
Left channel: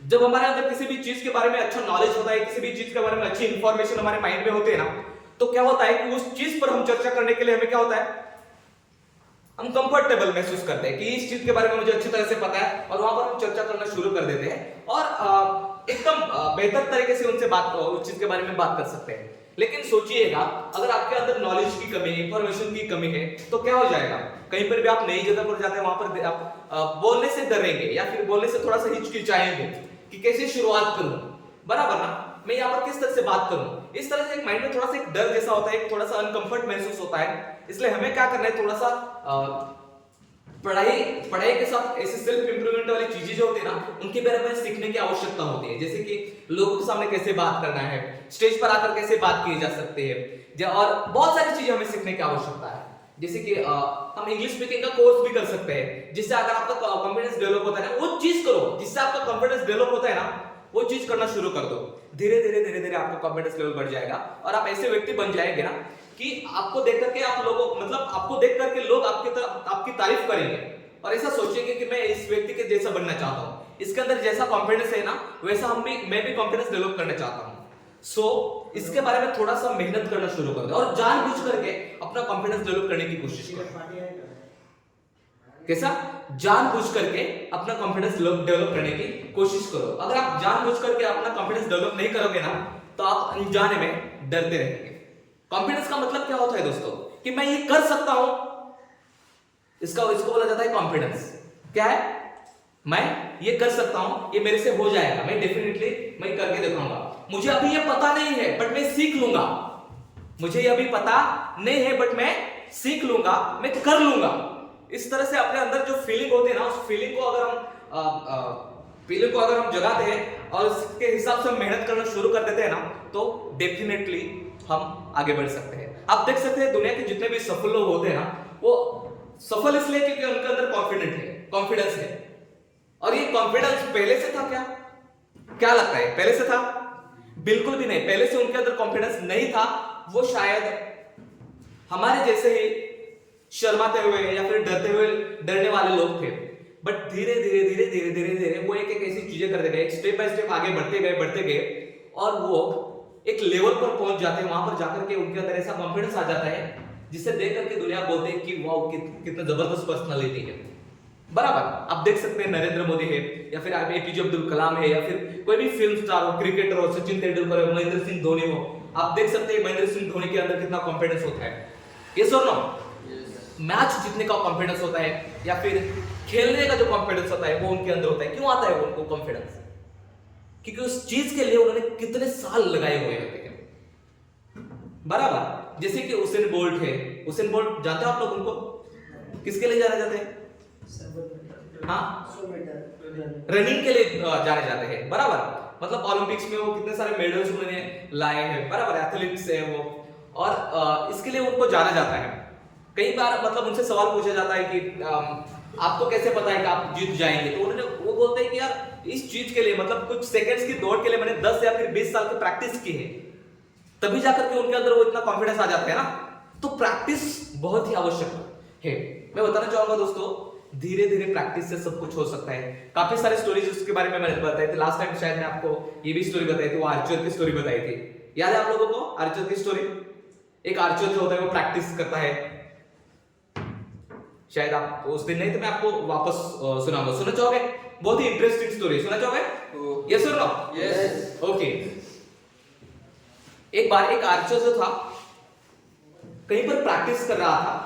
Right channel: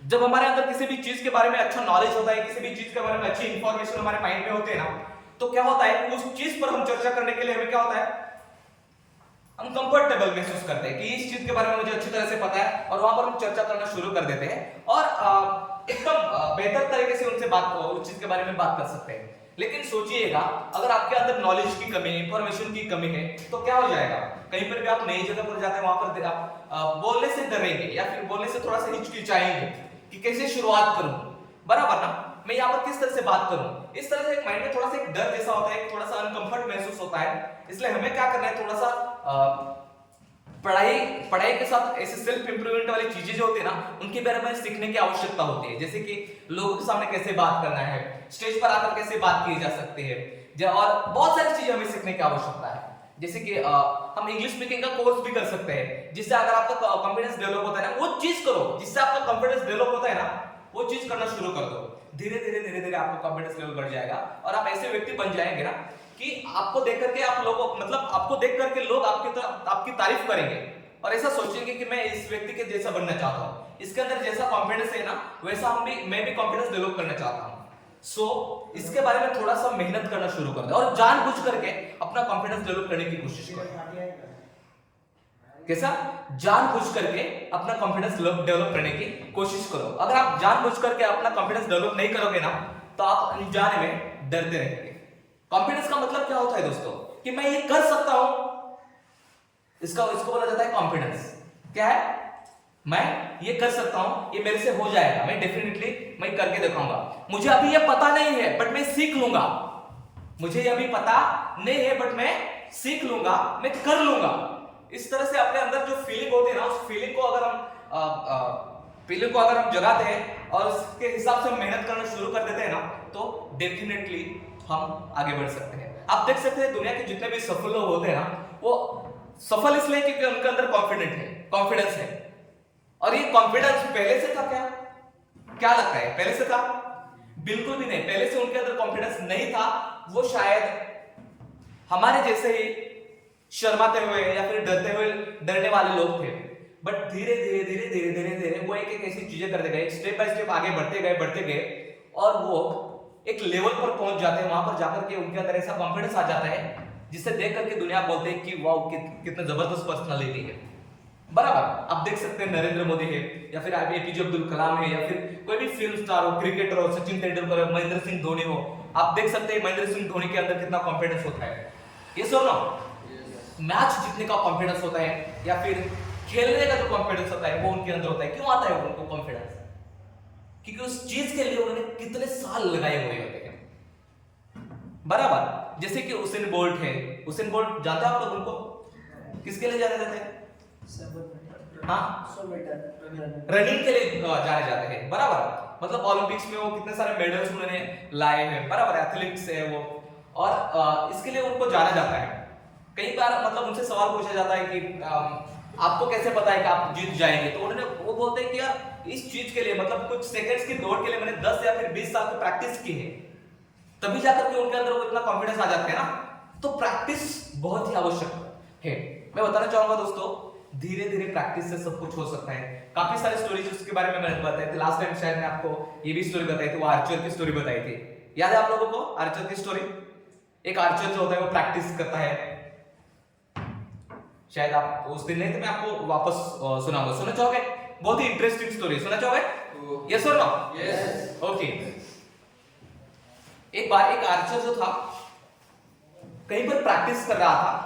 जब हमारे अंदर किसी भी चीज के बारे में अच्छा नॉलेज होता है, किसी भी चीज के बारे में अच्छी इंफॉर्मेशन हमारे माइंड में होते हैं ना, तो क्या होता है कि उस चीज पर हम चर्चा करने के लिए हमें क्या होता है, हम कंफर्टेबल महसूस करते हैं कि इस चीज के बारे में मुझे अच्छी तरह से पता है, और वहां पर हम चर्चा करना शुरू कर देते हैं और एकदम बेहतर तरीके से उनसे बात उस चीज के बारे में बात कर सकते हैं। लेकिन सोचिएगा अगर आपके अंदर नॉलेज की कमी, इंफॉर्मेशन की कमी है तो क्या हो जाएगा, कहीं पर भी आप नई जगह पर जाते हैं, वहां पर आप बोलने से डरेंगे या फिर बोलने से थोड़ा सा हिचकिचाएंगे कि कैसे शुरुआत करूं, बराबर ना, मैं यहाँ पर किस तरह से बात करूं। इस तरह से एक माइंड में थोड़ा सा एक डर जैसा होता है, थोड़ा सा अनकंफर्ट महसूस होता है। इसलिए हमें क्या करना है, थोड़ा सा पढ़ाई के साथ ऐसे सेल्फ इंप्रूवमेंट वाली चीजें जो होती है ना, उनके बारे में सीखने की आवश्यकता होती है। जैसे कि लोगों के सामने कैसे बात करना है, स्टेज पर आकर कैसे बात की जा सकती है, और बहुत सारी चीजें हमें सीखने की आवश्यकता है। जैसे कि हम इंग्लिश स्पीकिंग का कोर्स भी कर सकते हैं, जिससे अगर आपका कॉन्फिडेंस डेवलप होता है ना, वो चीज करो जिससे आपका कॉन्फिडेंस डेवलप होता है ना, वो चीज करना शुरू कर दो। धीरे धीरे आपका कॉन्फिडेंस लेवल बढ़ जाएगा और आप ऐसे व्यक्ति बन जाएंगे ना कि आपको देख करके आप लोगों मतलब आपको देख करके लोग आपकी तारीफ करेंगे और ऐसा सोचेंगे कि मैं इस व्यक्ति के जैसा बनना चाहता हूं, इसके अंदर जैसा कॉन्फिडेंस है ना वैसा मैं भी कॉन्फिडेंस डेवलप करना चाहता हूं। सो इसके बारे में थोड़ा सा मेहनत करना शुरू कर दो और जानबूझ करके अपना कॉन्फिडेंस डेवलप करने की कोशिश करो। कैसा? जानबूझ करके अपना कॉन्फिडेंस डेवलप करने की कोशिश करो। अगर आप जानबूझ करके अपना कॉन्फिडेंस डेवलप नहीं करोगे ना तो आप अनजाने में डरते रहेंगे। कॉन्फिडेंस का मतलब क्या होता है दोस्तों, कि मैं ये कर सकता हूं, इसको बोला जाता है कॉन्फिडेंस। क्या है? मैं ये कर सकता हूं, ये मेरे से हो जाएगा, मैं डेफिनेटली मैं करके दिखाऊंगा। मुझे अभी ये पता नहीं है बट मैं सीख लूंगा, मुझे ये अभी पता नहीं है बट मैं सीख लूंगा, मैं कर लूंगा। इस तरह से अपने अंदर जो फीलिंग होती है ना, उस फीलिंग को अगर हम जगाते हैं और उसके हिसाब से हम मेहनत करना शुरू कर देते हैं ना, तो डेफिनेटली हम आगे बढ़ सकते हैं। आप देख सकते हैं दुनिया के जितने भी सफल लोग होते हैं ना, वो सफल इसलिए क्योंकि उनके अंदर कॉन्फिडेंस है। और ये कॉन्फिडेंस पहले से था क्या लगता है, पहले से था? बिल्कुल भी नहीं, पहले से उनके अंदर कॉन्फिडेंस नहीं था। वो शायद हमारे जैसे ही शर्माते हुए या फिर डरने वाले लोग थे। बट धीरे धीरे वो एक ऐसी चीजें करते गए, स्टेप बाय स्टेप आगे बढ़ते गए और वो एक लेवल पर पहुंच जाते हैं। वहां पर जाकर के उनके अंदर ऐसा कॉन्फिडेंस आ जाता है जिसे देख करके दुनिया बोलते हैं कि वाओ कितना जबरदस्त पर्सनालिटी है। बराबर, आप देख सकते हैं नरेंद्र मोदी है या फिर एपीजे अब्दुल कलाम है या फिर कोई भी फिल्म स्टार हो, क्रिकेटर हो, सचिन तेंदुलकर हो, महेंद्र सिंह धोनी हो। आप देख सकते हैं महेंद्र सिंह धोनी के अंदर कितना कॉन्फिडेंस होता है। ये सुन लो, मैच जीतने का कॉन्फिडेंस होता है या फिर खेलने का जो कॉन्फिडेंस होता है वो उनके अंदर होता है। क्यों आता है उनको कॉन्फिडेंस? क्योंकि उस चीज के लिए उन्होंने कितने साल लगाए हुए होते हैं। बराबर, जैसे कि उसेन बोल्ट है। उसेन बोल्ट जानते हो आप लोग उनको? किसके लिए जाने जाते हैं? हाँ, रनिंग के लिए जाने जाते हैं। बराबर, मतलब ओलंपिक्स में वो कितने सारे मेडल्स उन्होंने लाए हैं। बराबर, एथलीट्स है वो, और इसके लिए उनको जाना जाता है। कई बार मतलब उनसे सवाल पूछा जाता है कि आपको कैसे पता है कि आप जीत जाएंगे? तो वो बोलते हैं कि यार इस चीज के लिए मतलब कुछ सेकंड्स की दौड़ के लिए मैंने 10 या फिर 20 साल की प्रैक्टिस की है, तभी जाकर के उनके अंदर वो इतना कॉन्फिडेंस आ जाता है ना। तो प्रैक्टिस बहुत ही आवश्यक है। मैं बताना चाहूंगा दोस्तों, धीरे धीरे प्रैक्टिस से सब कुछ हो सकता है। काफी सारे स्टोरीज उसके बारे में मैंने बताई थी लास्ट टाइम, शायद मैं आपको ये भी स्टोरी बताई थी, वो आर्चर की स्टोरी बताई थी। याद है आप लोगों को आर्चर की स्टोरी? एक आर्चर जो होता है वो प्रैक्टिस करता है, शायद आप उस दिन नहीं थे, मैं आपको वापस सुनाऊंगा। सुनना चाहोगे? बहुत ही इंटरेस्टिंग स्टोरी, सुनना चाहोगे? यस और नो? यस। ओके। एक बार एक आर्चर जो था कहीं पर प्रैक्टिस कर रहा था।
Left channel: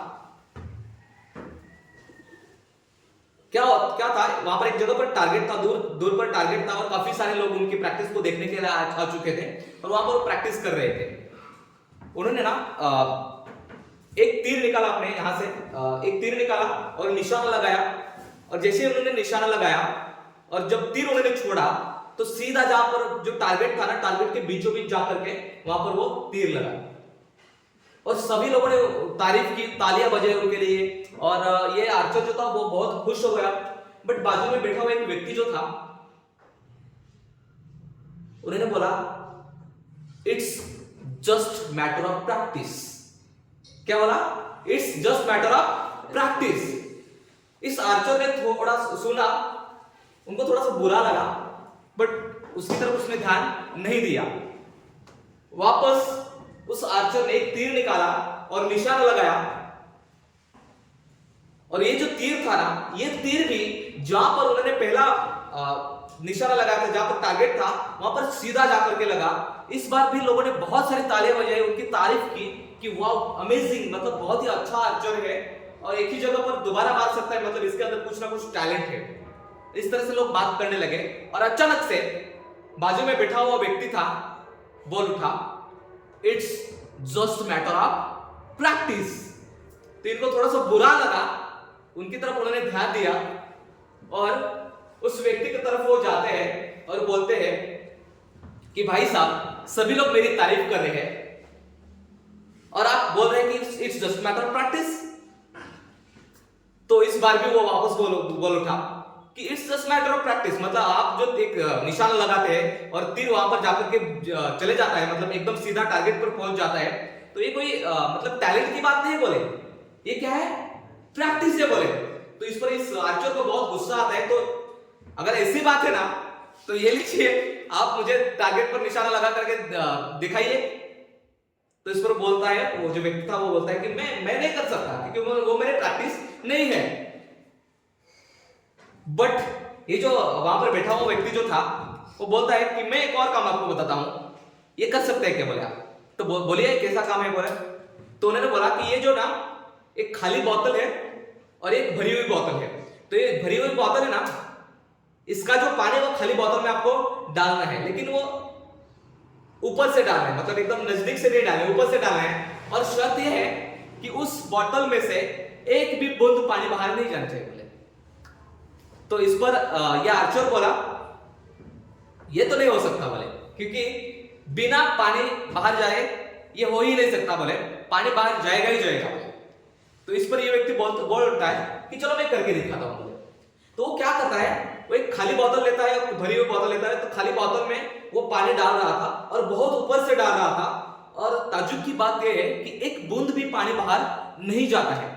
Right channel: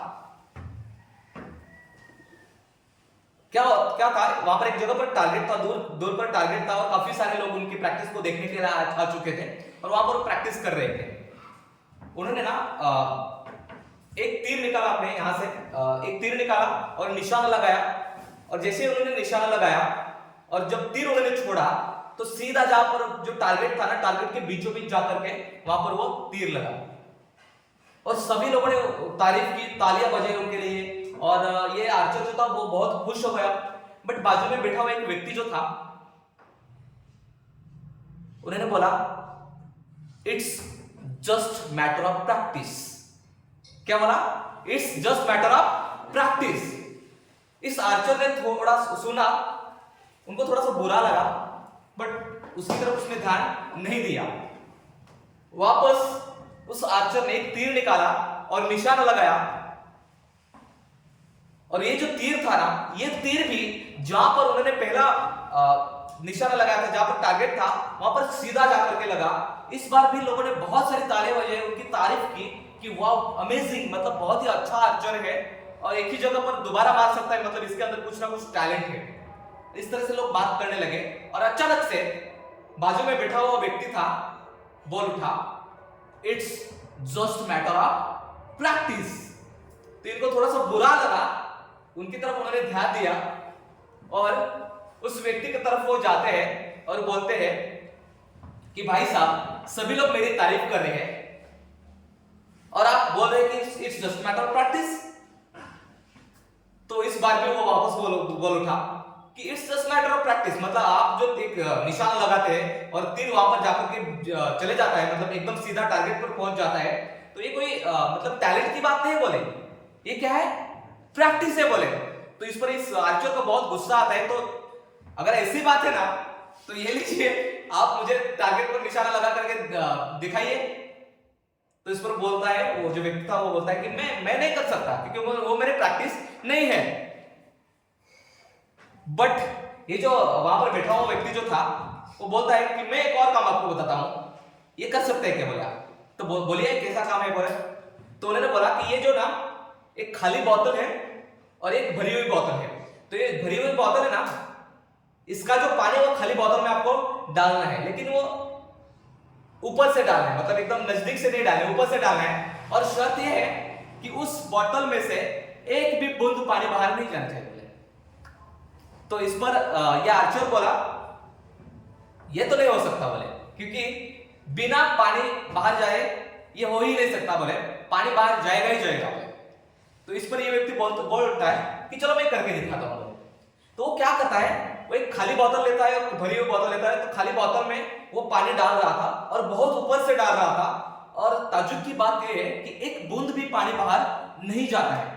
क्या था, वहां पर एक जगह पर टारगेट था, दूर पर टारगेट था और काफी सारे लोग उनकी प्रैक्टिस को देखने के लिए आ चुके थे और वहां पर प्रैक्टिस कर रहे थे। उन्होंने ना एक तीर निकाला, अपने यहां से एक तीर निकाला और निशाना लगाया, और जैसे उन्होंने निशाना लगाया और जब तीर उन्होंने छोड़ा तो सीधा जहां पर जो टारगेट था ना, टारगेट के बीचों बीच जाकर के वहां पर वो तीर लगा और सभी लोगों ने तारीफ की, तालियां बजाई उनके लिए। और ये आर्चर जो था वो बहुत खुश हो गया। बट बाजू में बैठा हुआ एक व्यक्ति जो था, उन्होंने बोला it's just matter of practice. क्या बोला? It's just matter of practice. इस आर्चर ने थोड़ा सुना, उनको थोड़ा सा बुरा लगा, बट उसकी तरफ उसने ध्यान नहीं दिया। वापस उस आर्चर ने एक तीर निकाला और निशाना लगाया, और ये जो तीर था ना, ये तीर भी जहां पर उन्होंने पहला निशाना लगाया था, जहां पर टारगेट था, वहां पर सीधा जाकर के लगा। इस बार भी लोगों ने बहुत सारी तालियां बजाई, उनकी तारीफ की कि वाओ अमेजिंग, मतलब बहुत ही अच्छा आर्चर है और एक ही जगह पर दोबारा मार सकता है, मतलब इसके अंदर कुछ ना कुछ टैलेंट है। इस तरह से लोग बात करने लगे और अचानक से बाजू में बैठा हुआ व्यक्ति था, बोल उठा, it's just matter of practice. तो इनको थोड़ा सा बुरा लगा, उनकी तरफ उन्होंने ध्यान दिया और उस व्यक्ति की तरफ वो जाते हैं और बोलते हैं कि भाई साहब, सभी लोग मेरी तारीफ कर रहे हैं और आप बोल रहे हैं कि it's just matter of practice. तो इस बार भी वो वापस बोल उठा कि it's just matter of practice, मतलब आप जो एक निशाना लगाते हैं और तीर वहां पर जाकर के चले जाता है, मतलब एकदम सीधा टारगेट पर पहुंच जाता है, तो ये कोई मतलब टैलेंट की बात नहीं बोले, ये क्या है? प्रैक्टिस है बोले। तो इस पर इस आर्चर को बहुत गुस्सा आता है। तो अगर ऐसी बात है ना, तो ये लीजिए, आप मुझे टारगेट पर निशाना लगा करके दिखाइए। तो इस पर बोलता है, वो जो व्यक्ति था वो बोलता है कि मैं नहीं कर सकता, क्योंकि वो मेरे प्रैक्टिस नहीं है। बट ये जो वहां पर बैठा हुआ व्यक्ति जो था, वो बोलता है कि मैं एक और काम आपको बताता हूं, ये कर सकते हैं क्या? बोले आप। तो बोलिए कैसा काम है? बोले तो उन्होंने बोला कि ये जो ना एक खाली बोतल है और एक भरी हुई बोतल है। तो ये भरी हुई बोतल है ना, इसका जो पानी वो खाली बोतल में आपको डालना है, लेकिन वो ऊपर से डालना है, मतलब एकदम नजदीक से नहीं डालना है, ऊपर से डालना है। और शर्त यह है कि उस बोतल में से एक भी बूंद पानी बाहर नहीं जाना चाहिए बोले। तो इस पर यह आर्चर बोला, ये तो नहीं हो सकता बोले, क्योंकि बिना पानी बाहर जाए ये हो ही नहीं सकता बोले, पानी बाहर जाएगा ही जाएगा बोले। तो इस पर ये व्यक्ति बोल उठता है कि चलो मैं करके दिखाता हूं बोले। तो वो क्या करता है, वो एक खाली बोतल लेता है और भरी हुई बोतल लेता है। तो खाली बोतल में वो पानी डाल रहा था और बहुत ऊपर से डाल रहा था, और ताज्जुब की बात यह है कि एक बूंद भी पानी बाहर नहीं जाता है।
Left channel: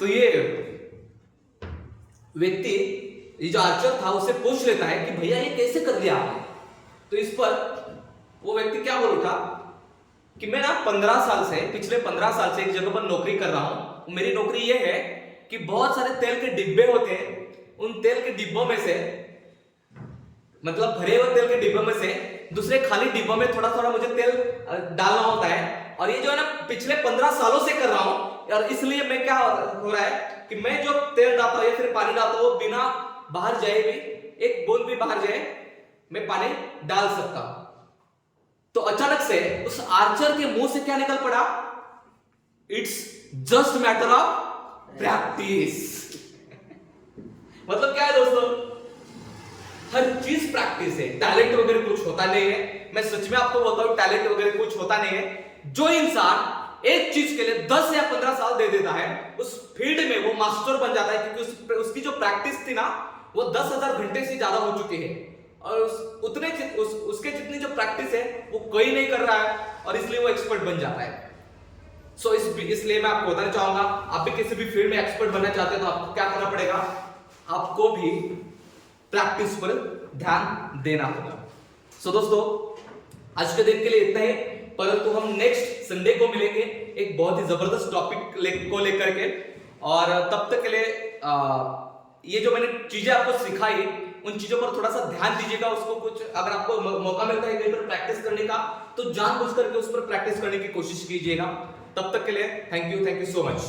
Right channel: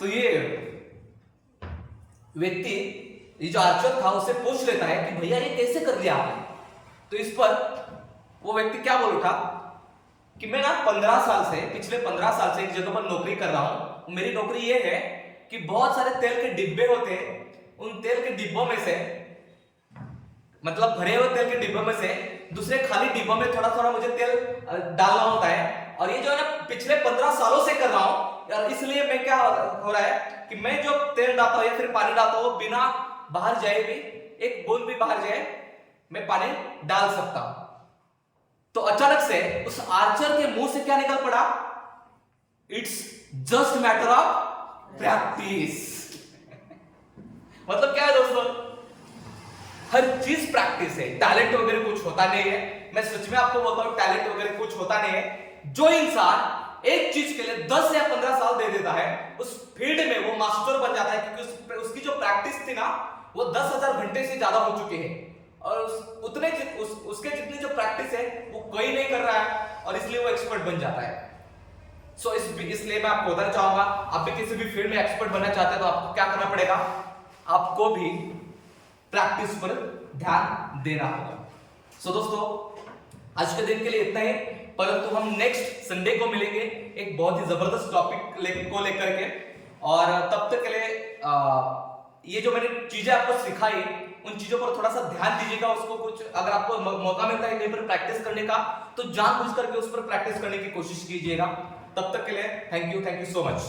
तो ये व्यक्ति, ये जो आर्चर था, उससे पूछ लेता है कि भैया ये कैसे कर लिया आपने? तो इस पर वो व्यक्ति क्या बोल था कि मैं ना पिछले 15 साल से एक जगह पर नौकरी कर रहा हूं। मेरी नौकरी ये है कि बहुत सारे तेल के डिब्बे होते हैं, उन तेल के डिब्बों में से, मतलब भरे हुए तेल के डिब्बों में से दूसरे खाली डिब्बों में थोड़ा थोड़ा मुझे तेल डालना होता है। और ये जो है ना पिछले 15 सालों से कर रहा हूं, और इसलिए मैं क्या हो रहा है कि मैं जो तेल डालता हूं या फिर पानी डालता हूं, बिना बाहर जाए भी, एक बूंद भी बाहर जाए, मैं पानी डाल सकता हूं। तो अचानक से उस आर्चर के मुंह से क्या निकल पड़ा? It's just matter of practice. मतलब क्या है दोस्तों, हर चीज प्रैक्टिस है, टैलेंट वगैरह कुछ होता नहीं है। मैं सच में आपको बोलता हूं, टैलेंट वगैरह कुछ होता नहीं है। जो इंसान एक चीज के लिए 10 या 15 साल दे देता है, उस फील्ड में वो मास्टर बन जाता है, क्योंकि उसकी जो प्रैक्टिस थी ना, वो 10,000 घंटे से ज्यादा हो चुके हैं, और उसके जितनी जो प्रैक्टिस है वो कोई नहीं कर रहा है, और इसलिए वो एक्सपर्ट बन जाता है। सो इसलिए मैं आपको बताना चाहूंगा, आप भी किसी भी फील्ड में एक्सपर्ट बनना चाहते हैं तो आपको क्या करना पड़ेगा? आपको भी प्रैक्टिस पर ध्यान देना होगा। सो दोस्तों, आज के दिन के लिए इतना ही, परंतु हम नेक्स्ट संडे को मिलेंगे एक बहुत ही जबरदस्त टॉपिक को लेकर के। और तब तक के लिए ये जो मैंने चीजें आपको सिखाई, उन चीजों पर थोड़ा सा ध्यान दीजिएगा। उसको कुछ अगर आपको मौका मिलता है कहीं पर प्रैक्टिस करने का, तो जानबूझ करके उस पर प्रैक्टिस करने की कोशिश कीजिएगा। तब तक के लिए थैंक यू सो मच।